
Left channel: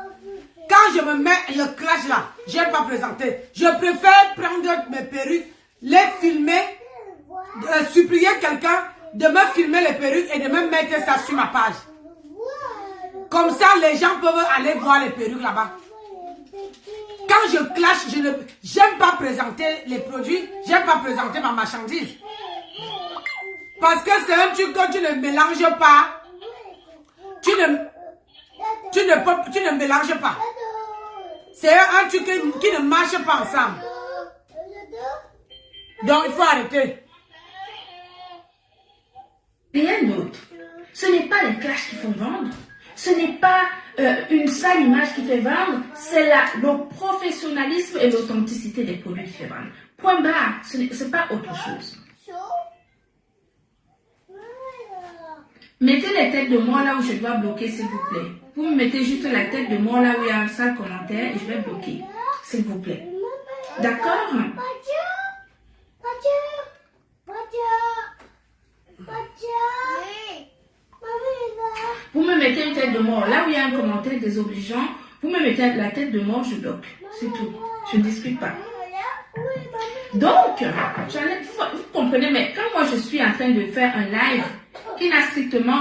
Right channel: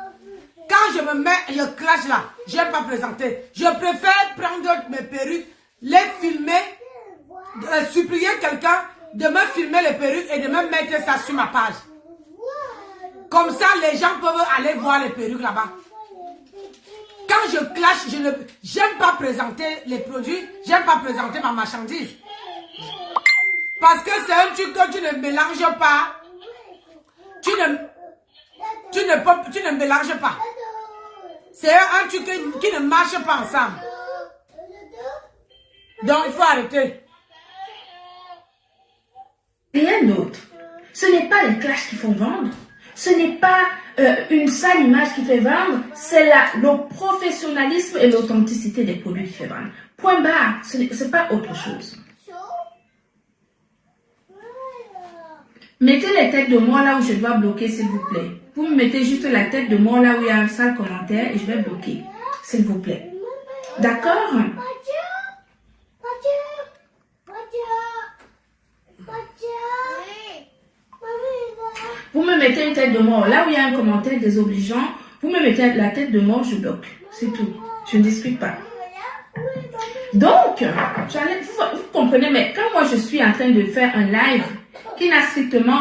Quand je me mets le clash là, j'aime pas présenter. Je préfère prendre mes perruques, les filmer, supplier quelqu'un de me filmer les perruques et de me mettre ça sur ma page. Comme ça, les gens peuvent aller voir les perruques là-bas. Quand je clash, j'aime pas présenter les produits, j'aime pas présenter ma marchandise. Parce que c'est un truc que tu ne mélanges pas. Tu ne mélanges pas. C'est un truc qui ne marche pas ensemble. Donc, il faut arrêter. Rien d'autre. Ce n'est pas les clashs qui font vendre. Ce n'est pas une sale image qui fait vendre. C'est le professionnalisme et l'authenticité des produits qui fait vendre. Point barre. Ce n'est pas autre chose. Mettez les têtes de moi là où je dois bloquer, s'il vous plaît. Vous me mettez juste la tête de moi là où il y a un sale commentaire et je vais bloquer, s'il vous plaît. D'accord? Vous me mettez une tête de mort. Là où il y a un commentaire désobligeant, vous me mettez la tête de mort, je bloque. C'est tout. Je ne discute pas. Donc, vous comprenez, mais quand moi je suis en train de faire un live qui n'a strictement...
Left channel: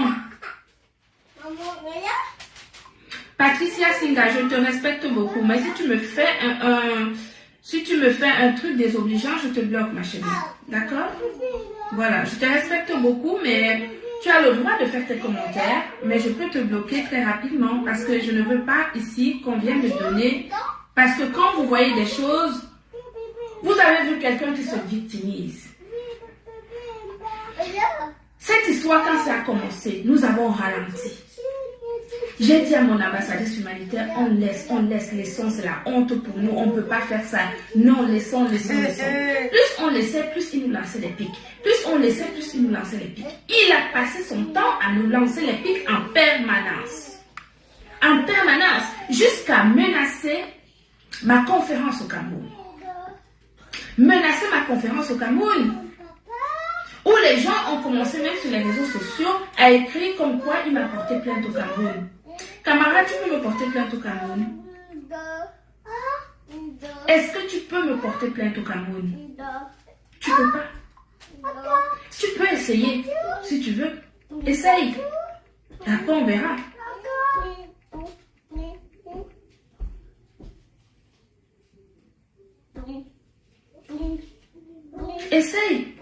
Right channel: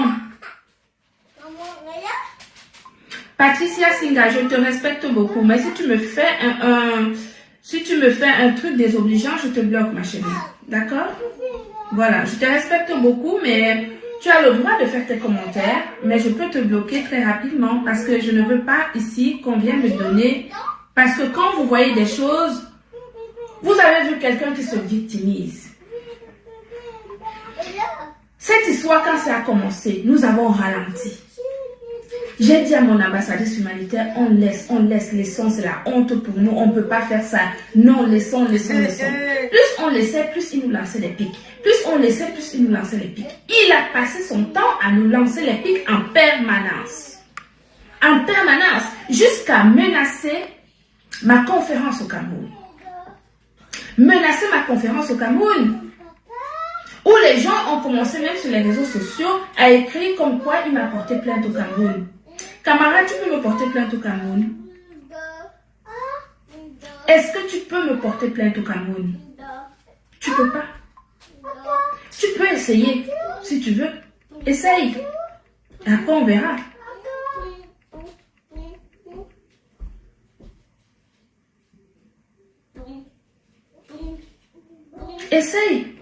Patricia Singa, je te respecte beaucoup, mais si tu me fais un truc désobligeant, je te bloque, ma chérie. D'accord? Voilà, je te respecte beaucoup, mais tu as le droit de faire tes commentaires, mais je peux te bloquer très rapidement parce que je ne veux pas ici qu'on vienne me donner. Parce que quand vous voyez des choses, vous avez vu quelqu'un qui se victimise. Cette histoire, quand ça a commencé, nous avons ralenti. J'ai dit à mon ambassadrice humanitaire, on laissons, c'est la honte pour nous, on ne peut pas faire ça. Non, laissons. Plus on laissait, plus il nous lançait les pics. Plus on laissait, plus il nous lançait les pics. Il a passé son temps à nous lancer les pics en permanence. En permanence, jusqu'à menacer ma conférence au Cameroun. Menacer ma conférence au Cameroun. Où les gens ont commencé même sur les réseaux sociaux à écrire comme quoi il m'a porté plainte au Cameroun. Camarade, tu peux me porter plainte au Cameroun? Est-ce que tu peux me porter plainte au Cameroun? Tu peux pas. Tu peux essayer, si tu veux. Essaye. Après, on verra. Essaye.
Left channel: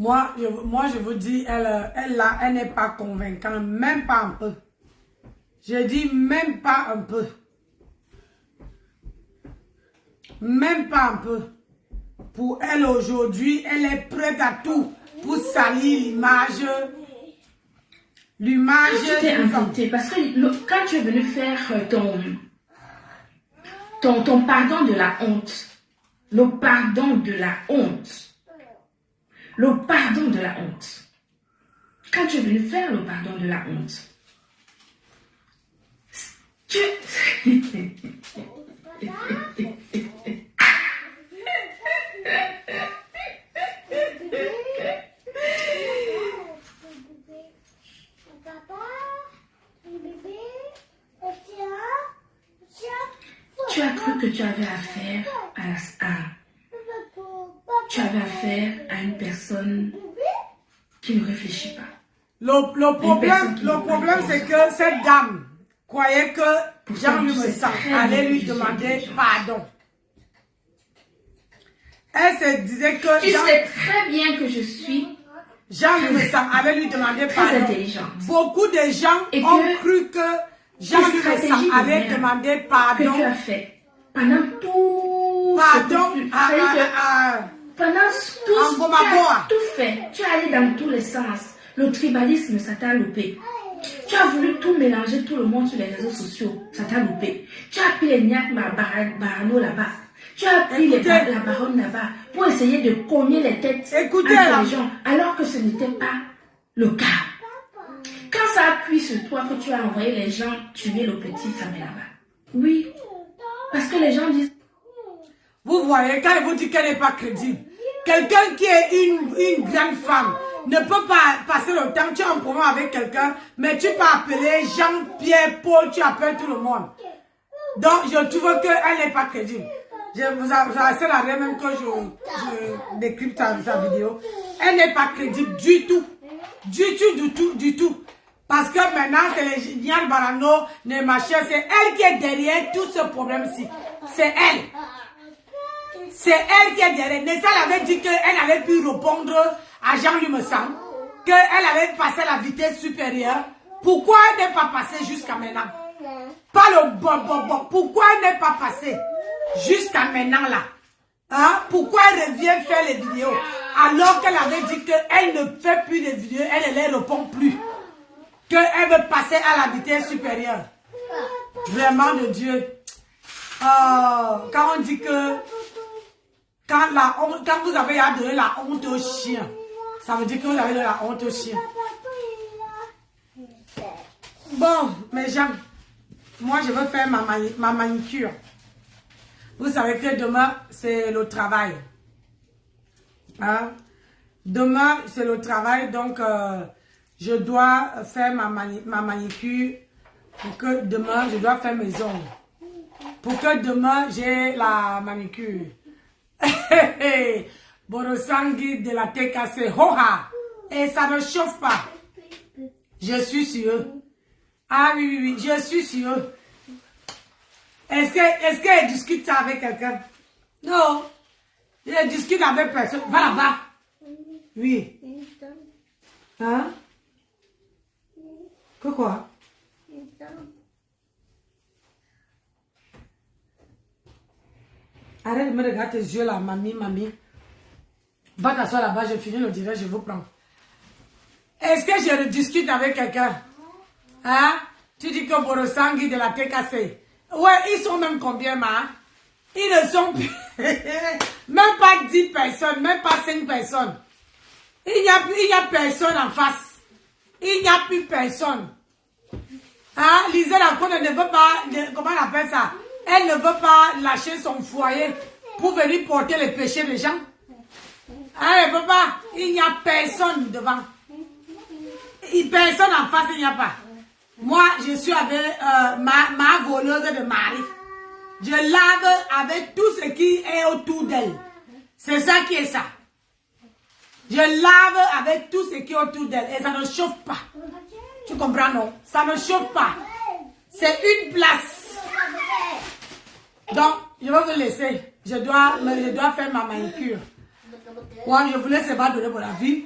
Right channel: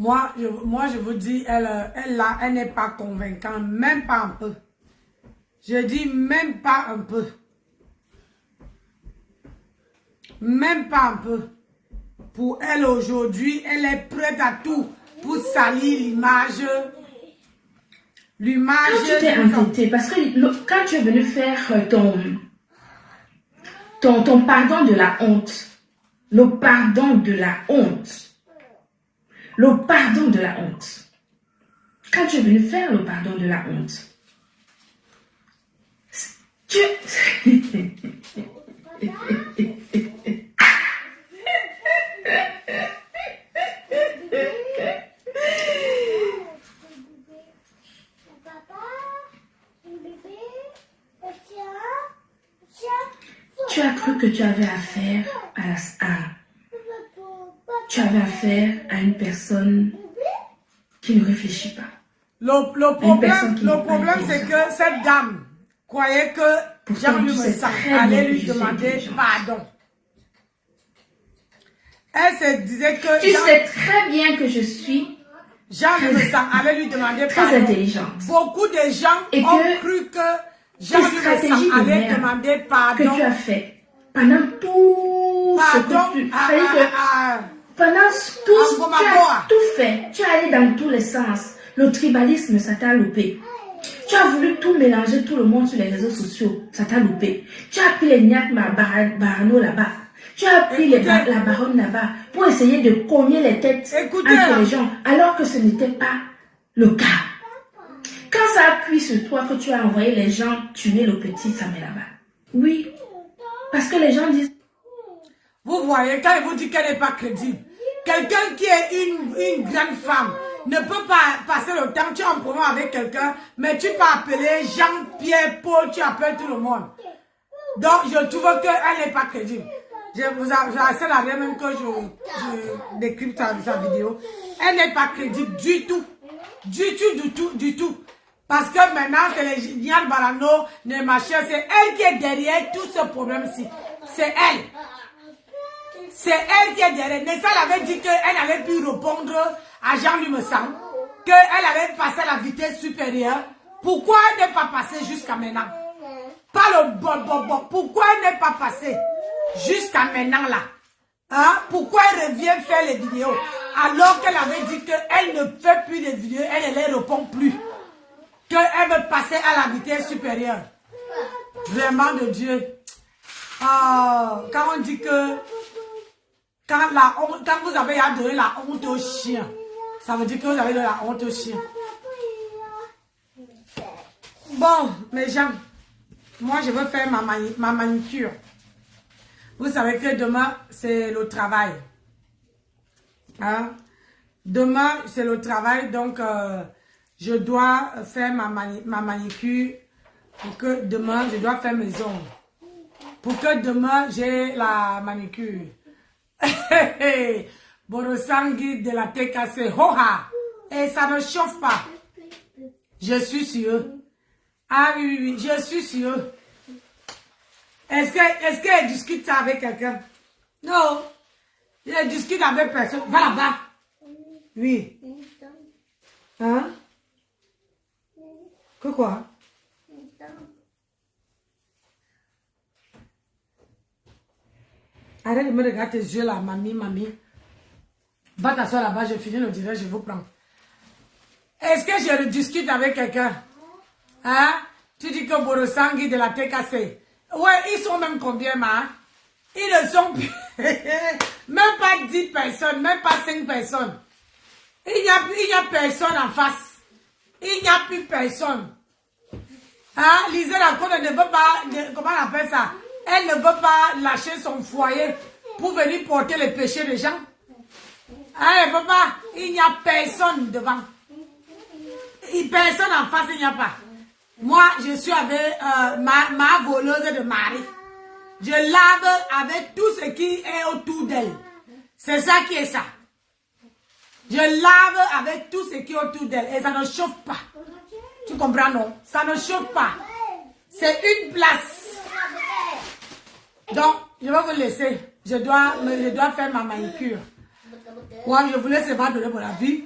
Moi, je vous dis, elle n'est pas convaincante, même pas un peu. Je dis même pas un peu. Même pas un peu. Pour elle aujourd'hui, elle est prête à tout pour salir l'image. L'image. Quand tu t'es inventé, parce que quand tu es venu faire ton pardon de la honte, le pardon de la honte. Le pardon de la honte. Quand tu es venu faire le pardon de la honte, tu... Tu as cru que tu avais affaire tu avais affaire à une personne qui ne réfléchit pas. Le problème c'est que cette dame croyait que Jean-Louis Messang allait lui demander pardon. Elle se disait que... Tu sais très bien que je suis... Jean-Louis allait lui demander pardon. Intelligente. Beaucoup de gens ont cru que Jean-Louis allait demander pardon. Que tu as fait pendant tout pardon, pendant tout, tu as tout fait. Tu es allé dans tous les sens. Le tribalisme, ça t'a loupé. Tu as voulu tout mélanger, tout le monde sur les réseaux sociaux. Ça t'a loupé. Tu as pris les Niak Barano là-bas. Tu as pris la baronne là-bas pour essayer de cogner les têtes entre les gens, alors que ce n'était pas le cas. Quand ça appuie sur toi que tu as envoyé les gens tuer le petit Samuel là-bas. Oui, parce que les gens disent... Vous voyez, quand il vous dit qu'elle n'est pas crédible, quelqu'un qui est une grande femme ne peut pas passer le temps, tu es en promo avec quelqu'un, mais tu peux appeler Jean-Pierre, Paul, tu appelles tout le monde. Donc, je trouve qu'elle n'est pas crédible. Je vous assure à rien même que je décrypte sa vidéo. Elle n'est pas crédible du tout. Du tout. Parce que maintenant, c'est les Nial Barano, les machins, c'est elle qui est derrière tout ce problème-ci. C'est elle. C'est elle qui est derrière. Nessa avait dit qu'elle avait pu répondre à Jean-Louis Messang, qu'elle avait passé la vitesse supérieure. Pourquoi elle n'est pas passée jusqu'à maintenant? Pas le bon. Pourquoi elle n'est pas passée jusqu'à maintenant là? Hein? Pourquoi elle revient faire les vidéos? Alors qu'elle avait dit qu'elle ne fait plus de vidéos, elle ne les répond plus. Qu'elle veut passer à la vitesse supérieure. Vraiment de Dieu. Quand on dit que quand vous avez donné la honte au chien, ça veut dire que vous avez donné la honte au chien. Bon, mes gens, moi je veux faire ma manicure. Vous savez que demain, c'est le travail. Hein? Demain, c'est le travail, donc je dois faire ma manicure pour que demain, je dois faire mes ongles. Pour que demain, j'ai la manicure. Borosangui de la TKC. Hoha! Et ça ne chauffe pas. Je suis sûre. Ah oui, je suis sûre. Est-ce qu'elle discute ça avec quelqu'un? Non. Elle discute avec personne. Va là-bas. Oui. Hein? Que quoi? Arrête de me regarder tes yeux là, mamie. Va t'asseoir là-bas, je finis le direct, je vous prends. Est-ce que je discute avec quelqu'un? Hein? Tu dis que Borosangui de la TKC. Ouais, ils sont même combien, ma? Ils ne sont plus... même pas 10 personnes, même pas 5 personnes. Il n'y a personne en face. Il n'y a plus personne. Hein? Lisez la côte, elle ne veut pas... comment on appelle ça? Elle ne veut pas lâcher son foyer pour venir porter les péchés des gens. Elle ne veut pas. Il n'y a personne devant. Personne en face, il n'y a pas. Moi, je suis avec ma voleuse de mari. Je lave avec tout ce qui est autour d'elle. C'est ça qui est ça. Je lave avec tout ce qui est autour d'elle. Et ça ne chauffe pas. Tu comprends, non? Ça ne chauffe pas. C'est une place. Donc, je vais vous laisser. Je dois faire ma manicure. Moi, je vous laisse pas donner mon avis.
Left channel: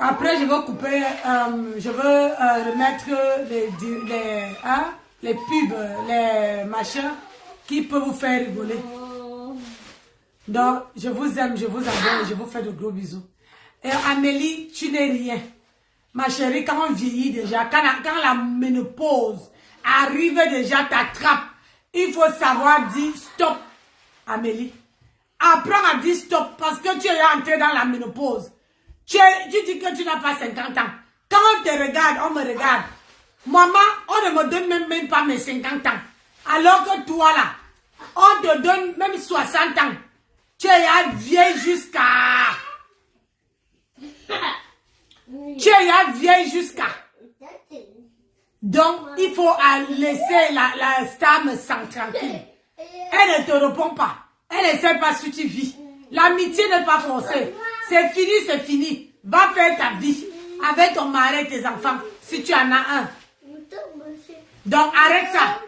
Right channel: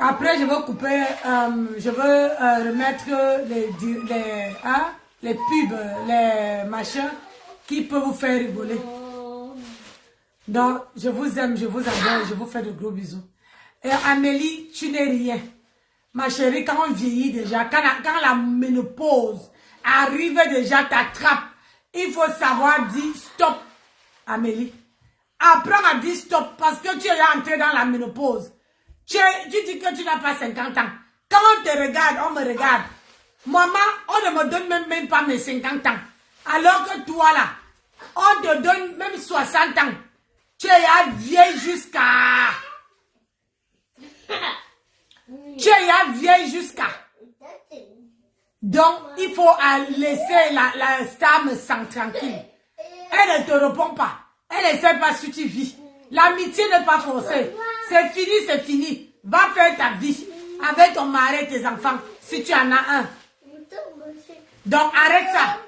Après, je vais couper, je veux remettre les pubs, les machins qui peuvent vous faire rigoler. Donc, je vous aime, je vous adore, je vous fais de gros bisous. Et Amélie, tu n'es rien. Ma chérie, quand on vieillit déjà, quand la ménopause arrive déjà, t'attrape, il faut savoir dire stop, Amélie. Apprends à dire stop parce que tu es entré dans la ménopause. Tu dis que tu n'as pas 50 ans. Quand on te regarde, on me regarde. Maman, on ne me donne même pas mes 50 ans. Alors que toi là, on te donne même 60 ans. Tu es vieille jusqu'à... Tu es vieille jusqu'à... Donc, il faut laisser la star me sent tranquille. Elle ne te répond pas. Elle ne sait pas si tu vis. L'amitié n'est pas forcée. C'est fini, c'est fini. Va faire ta vie avec ton mari et tes enfants, si tu en as un. Donc, arrête ça.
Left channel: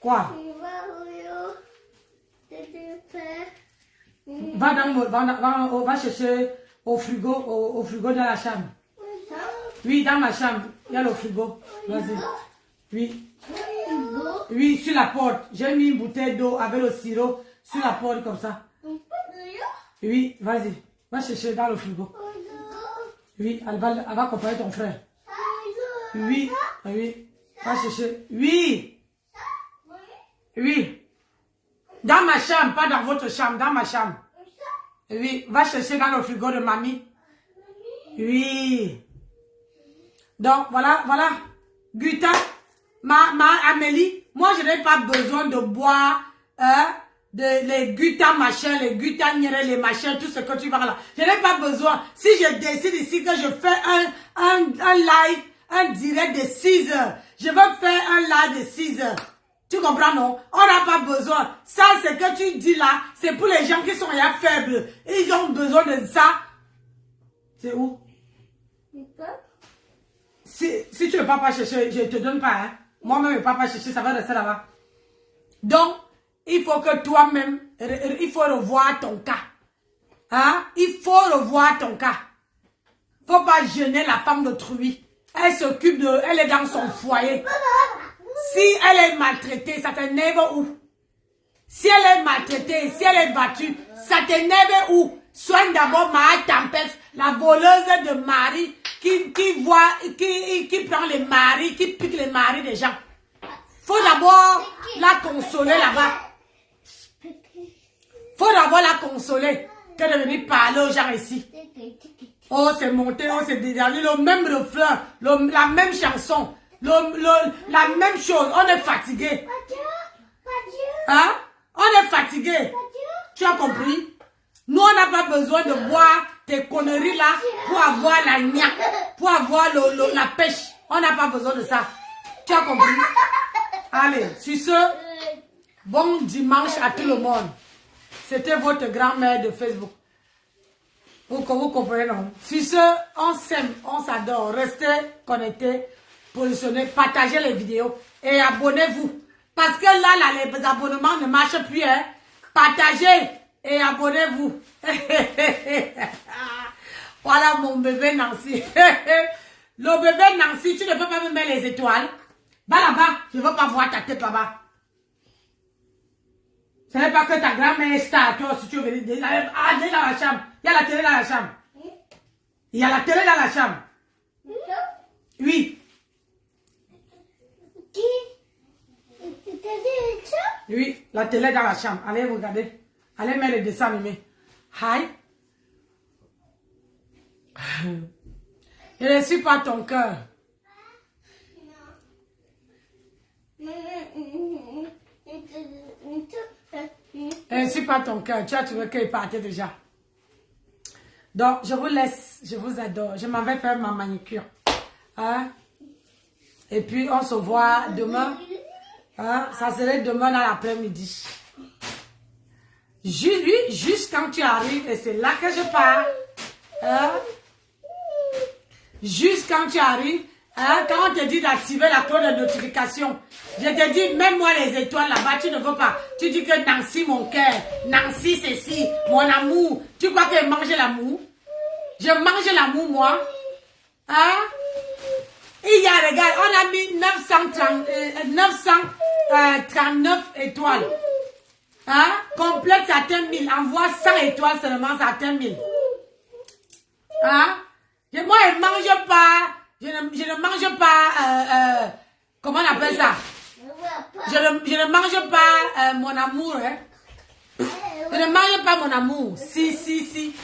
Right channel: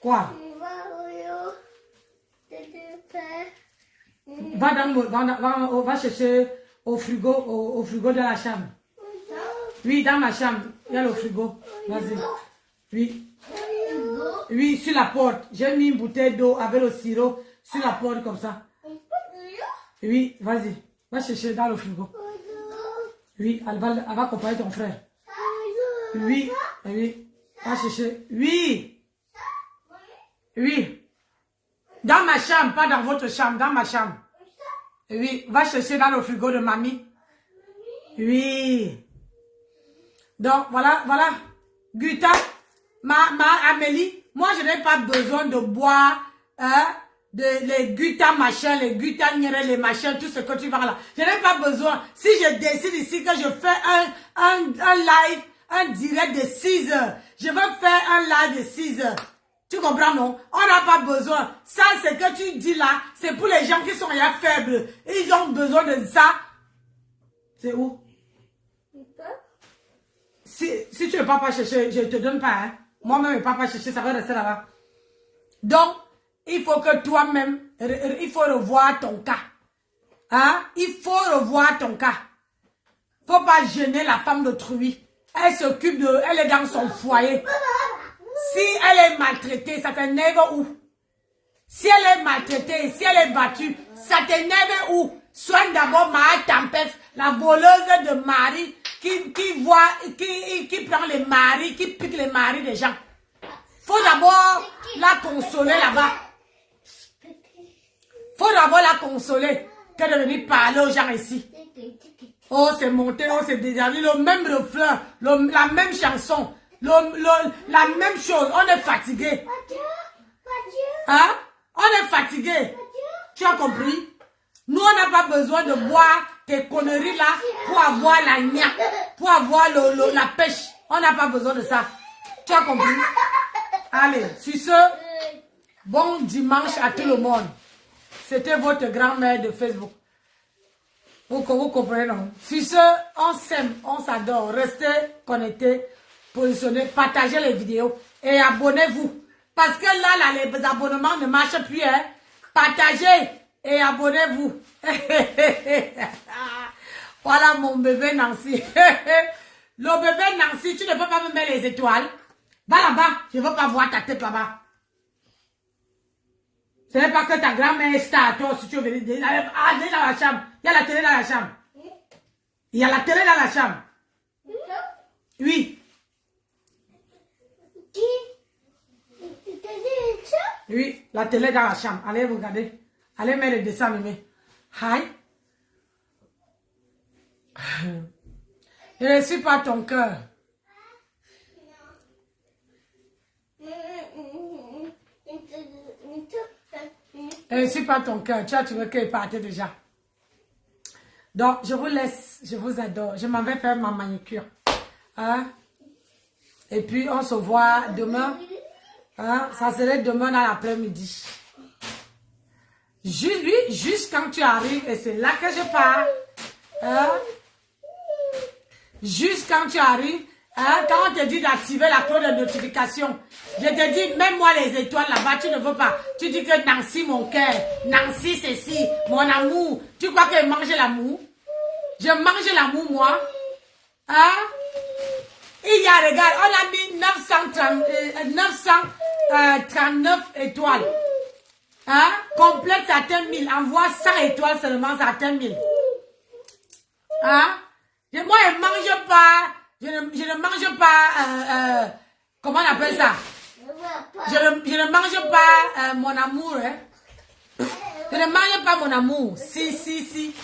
Quoi? Va chercher au frigo, au frigo de la chambre. Oui, dans ma chambre. Il y a le frigo. Vas-y. Oui. Oui, sur la porte. J'ai mis une bouteille d'eau avec le sirop sur la porte comme ça. Oui, vas-y. Va chercher dans le frigo. Oui, elle va accompagner ton frère. Oui, oui. Va chercher. Oui. Oui. Dans ma chambre, pas dans votre chambre, dans ma chambre. Oui, va chercher dans le frigo de mamie. Oui. Donc, voilà. Guta, Amélie, moi, je n'ai pas besoin de boire, les Guta machin, les Guta nire, les machins, tout ce que tu vas là. Je n'ai pas besoin. Si je décide ici que je fais un live, un direct de 6 heures, je veux faire un live de 6 heures. Tu comprends, non? On n'a pas besoin. Ça, c'est que tu dis là, c'est pour les gens qui sont ya faibles. Ils ont besoin de ça. C'est où? Si tu ne peux pas chercher, je ne te donne pas. Hein. Moi-même, je ne peux pas chercher, ça va rester là-bas. Donc, il faut que toi-même, il faut revoir ton cas. Hein? Il faut revoir ton cas. Il ne faut pas gêner la femme d'autrui. Elle s'occupe de... Elle est dans son foyer. Si elle est maltraitée, ça t'énerve où? Si elle est maltraitée, si elle est battue, ça t'énerve où? Soigne d'abord ma tempête, la voleuse de mari qui prend les maris, qui pique les maris des gens. Faut d'abord la consoler là-bas. Faut d'abord la consoler que de venir parler aux gens ici. Oh, c'est monté, oh, c'est descendu, le même refrain, la même chanson, la même chose. On est fatigué. Hein? On est fatigué. Tu as compris? Nous, on n'a pas besoin de boire tes conneries là pour avoir la gna, pour avoir la pêche. On n'a pas besoin de ça. Tu as compris? Allez, sur ce, bon dimanche à tout le monde. C'était votre grand-mère de Facebook. Vous comprenez, non? Sur ce, on s'aime, on s'adore. Restez connectés, positionnés, partagez les vidéos et abonnez-vous. Parce que là, les abonnements ne marchent plus. Hein? Partagez et abonnez-vous. Voilà mon bébé Nancy. Le bébé Nancy, tu ne peux pas me mettre les étoiles. Va là-bas, je ne veux pas voir ta tête là-bas. Ce n'est pas que ta grand-mère est star, toi, si tu veux venir. Allez dans la chambre. Il y a la télé dans la chambre. Il y a la télé dans la chambre. Oui. Oui, la télé dans la chambre. Allez regarder. Allez mettre le dessin animé. Hi. Je ne suis pas ton cœur. Je ne suis pas ton cœur. Tu as trouvé qu'il partait déjà. Donc, je vous laisse. Je vous adore. Je m'en vais faire ma manicure. Hein? Et puis, on se voit demain. Hein? Ça serait demain dans l'après-midi. Juste quand tu arrives, et c'est là que je pars. Hein? Juste quand tu arrives, hein? Quand on te dit d'activer la cloche de notification, je te dis, même moi les étoiles là-bas, tu ne veux pas. Tu dis que Nancy, mon cœur, Nancy, ceci, mon amour. Tu crois que je mange l'amour? Je mange l'amour, moi. Hein? Il y a, regarde, on a mis 939 étoiles. Hein? Complète, ça atteint 1000. Envoie 100 étoiles seulement, ça atteint 1000. Hein? Moi, je ne mange pas. Je ne mange pas. Comment on appelle ça? Je ne mange pas mon amour. Hein? Je ne mange pas mon amour. Si.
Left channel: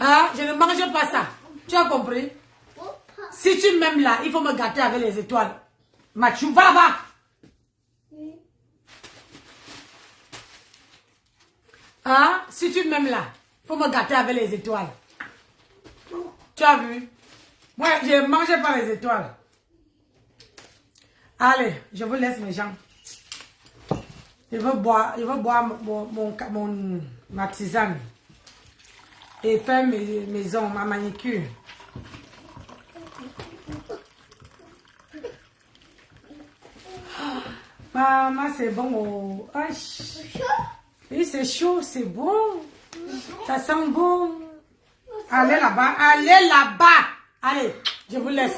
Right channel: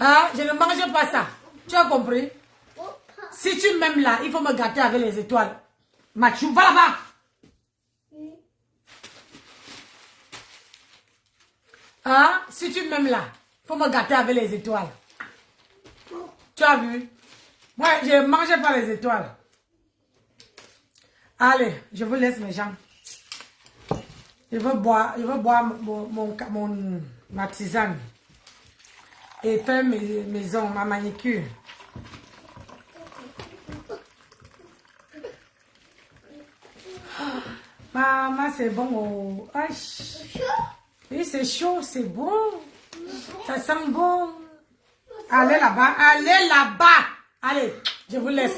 Hein? Je ne mange pas ça. Tu as compris? Si tu m'aimes là, il faut me gâter avec les étoiles. Mathieu, va là-bas. Hein? Si tu m'aimes là, il faut me gâter avec les étoiles. Tu as vu? Moi, je ne mange pas les étoiles. Allez, je vous laisse mes gens. Je veux boire ma tisane. Et faire mes ongles, ma manicure. Maman, c'est bon. Oh. Oui, c'est chaud, c'est bon. Ça sent bon. Allez là-bas, allez là-bas. Allez, je vous laisse.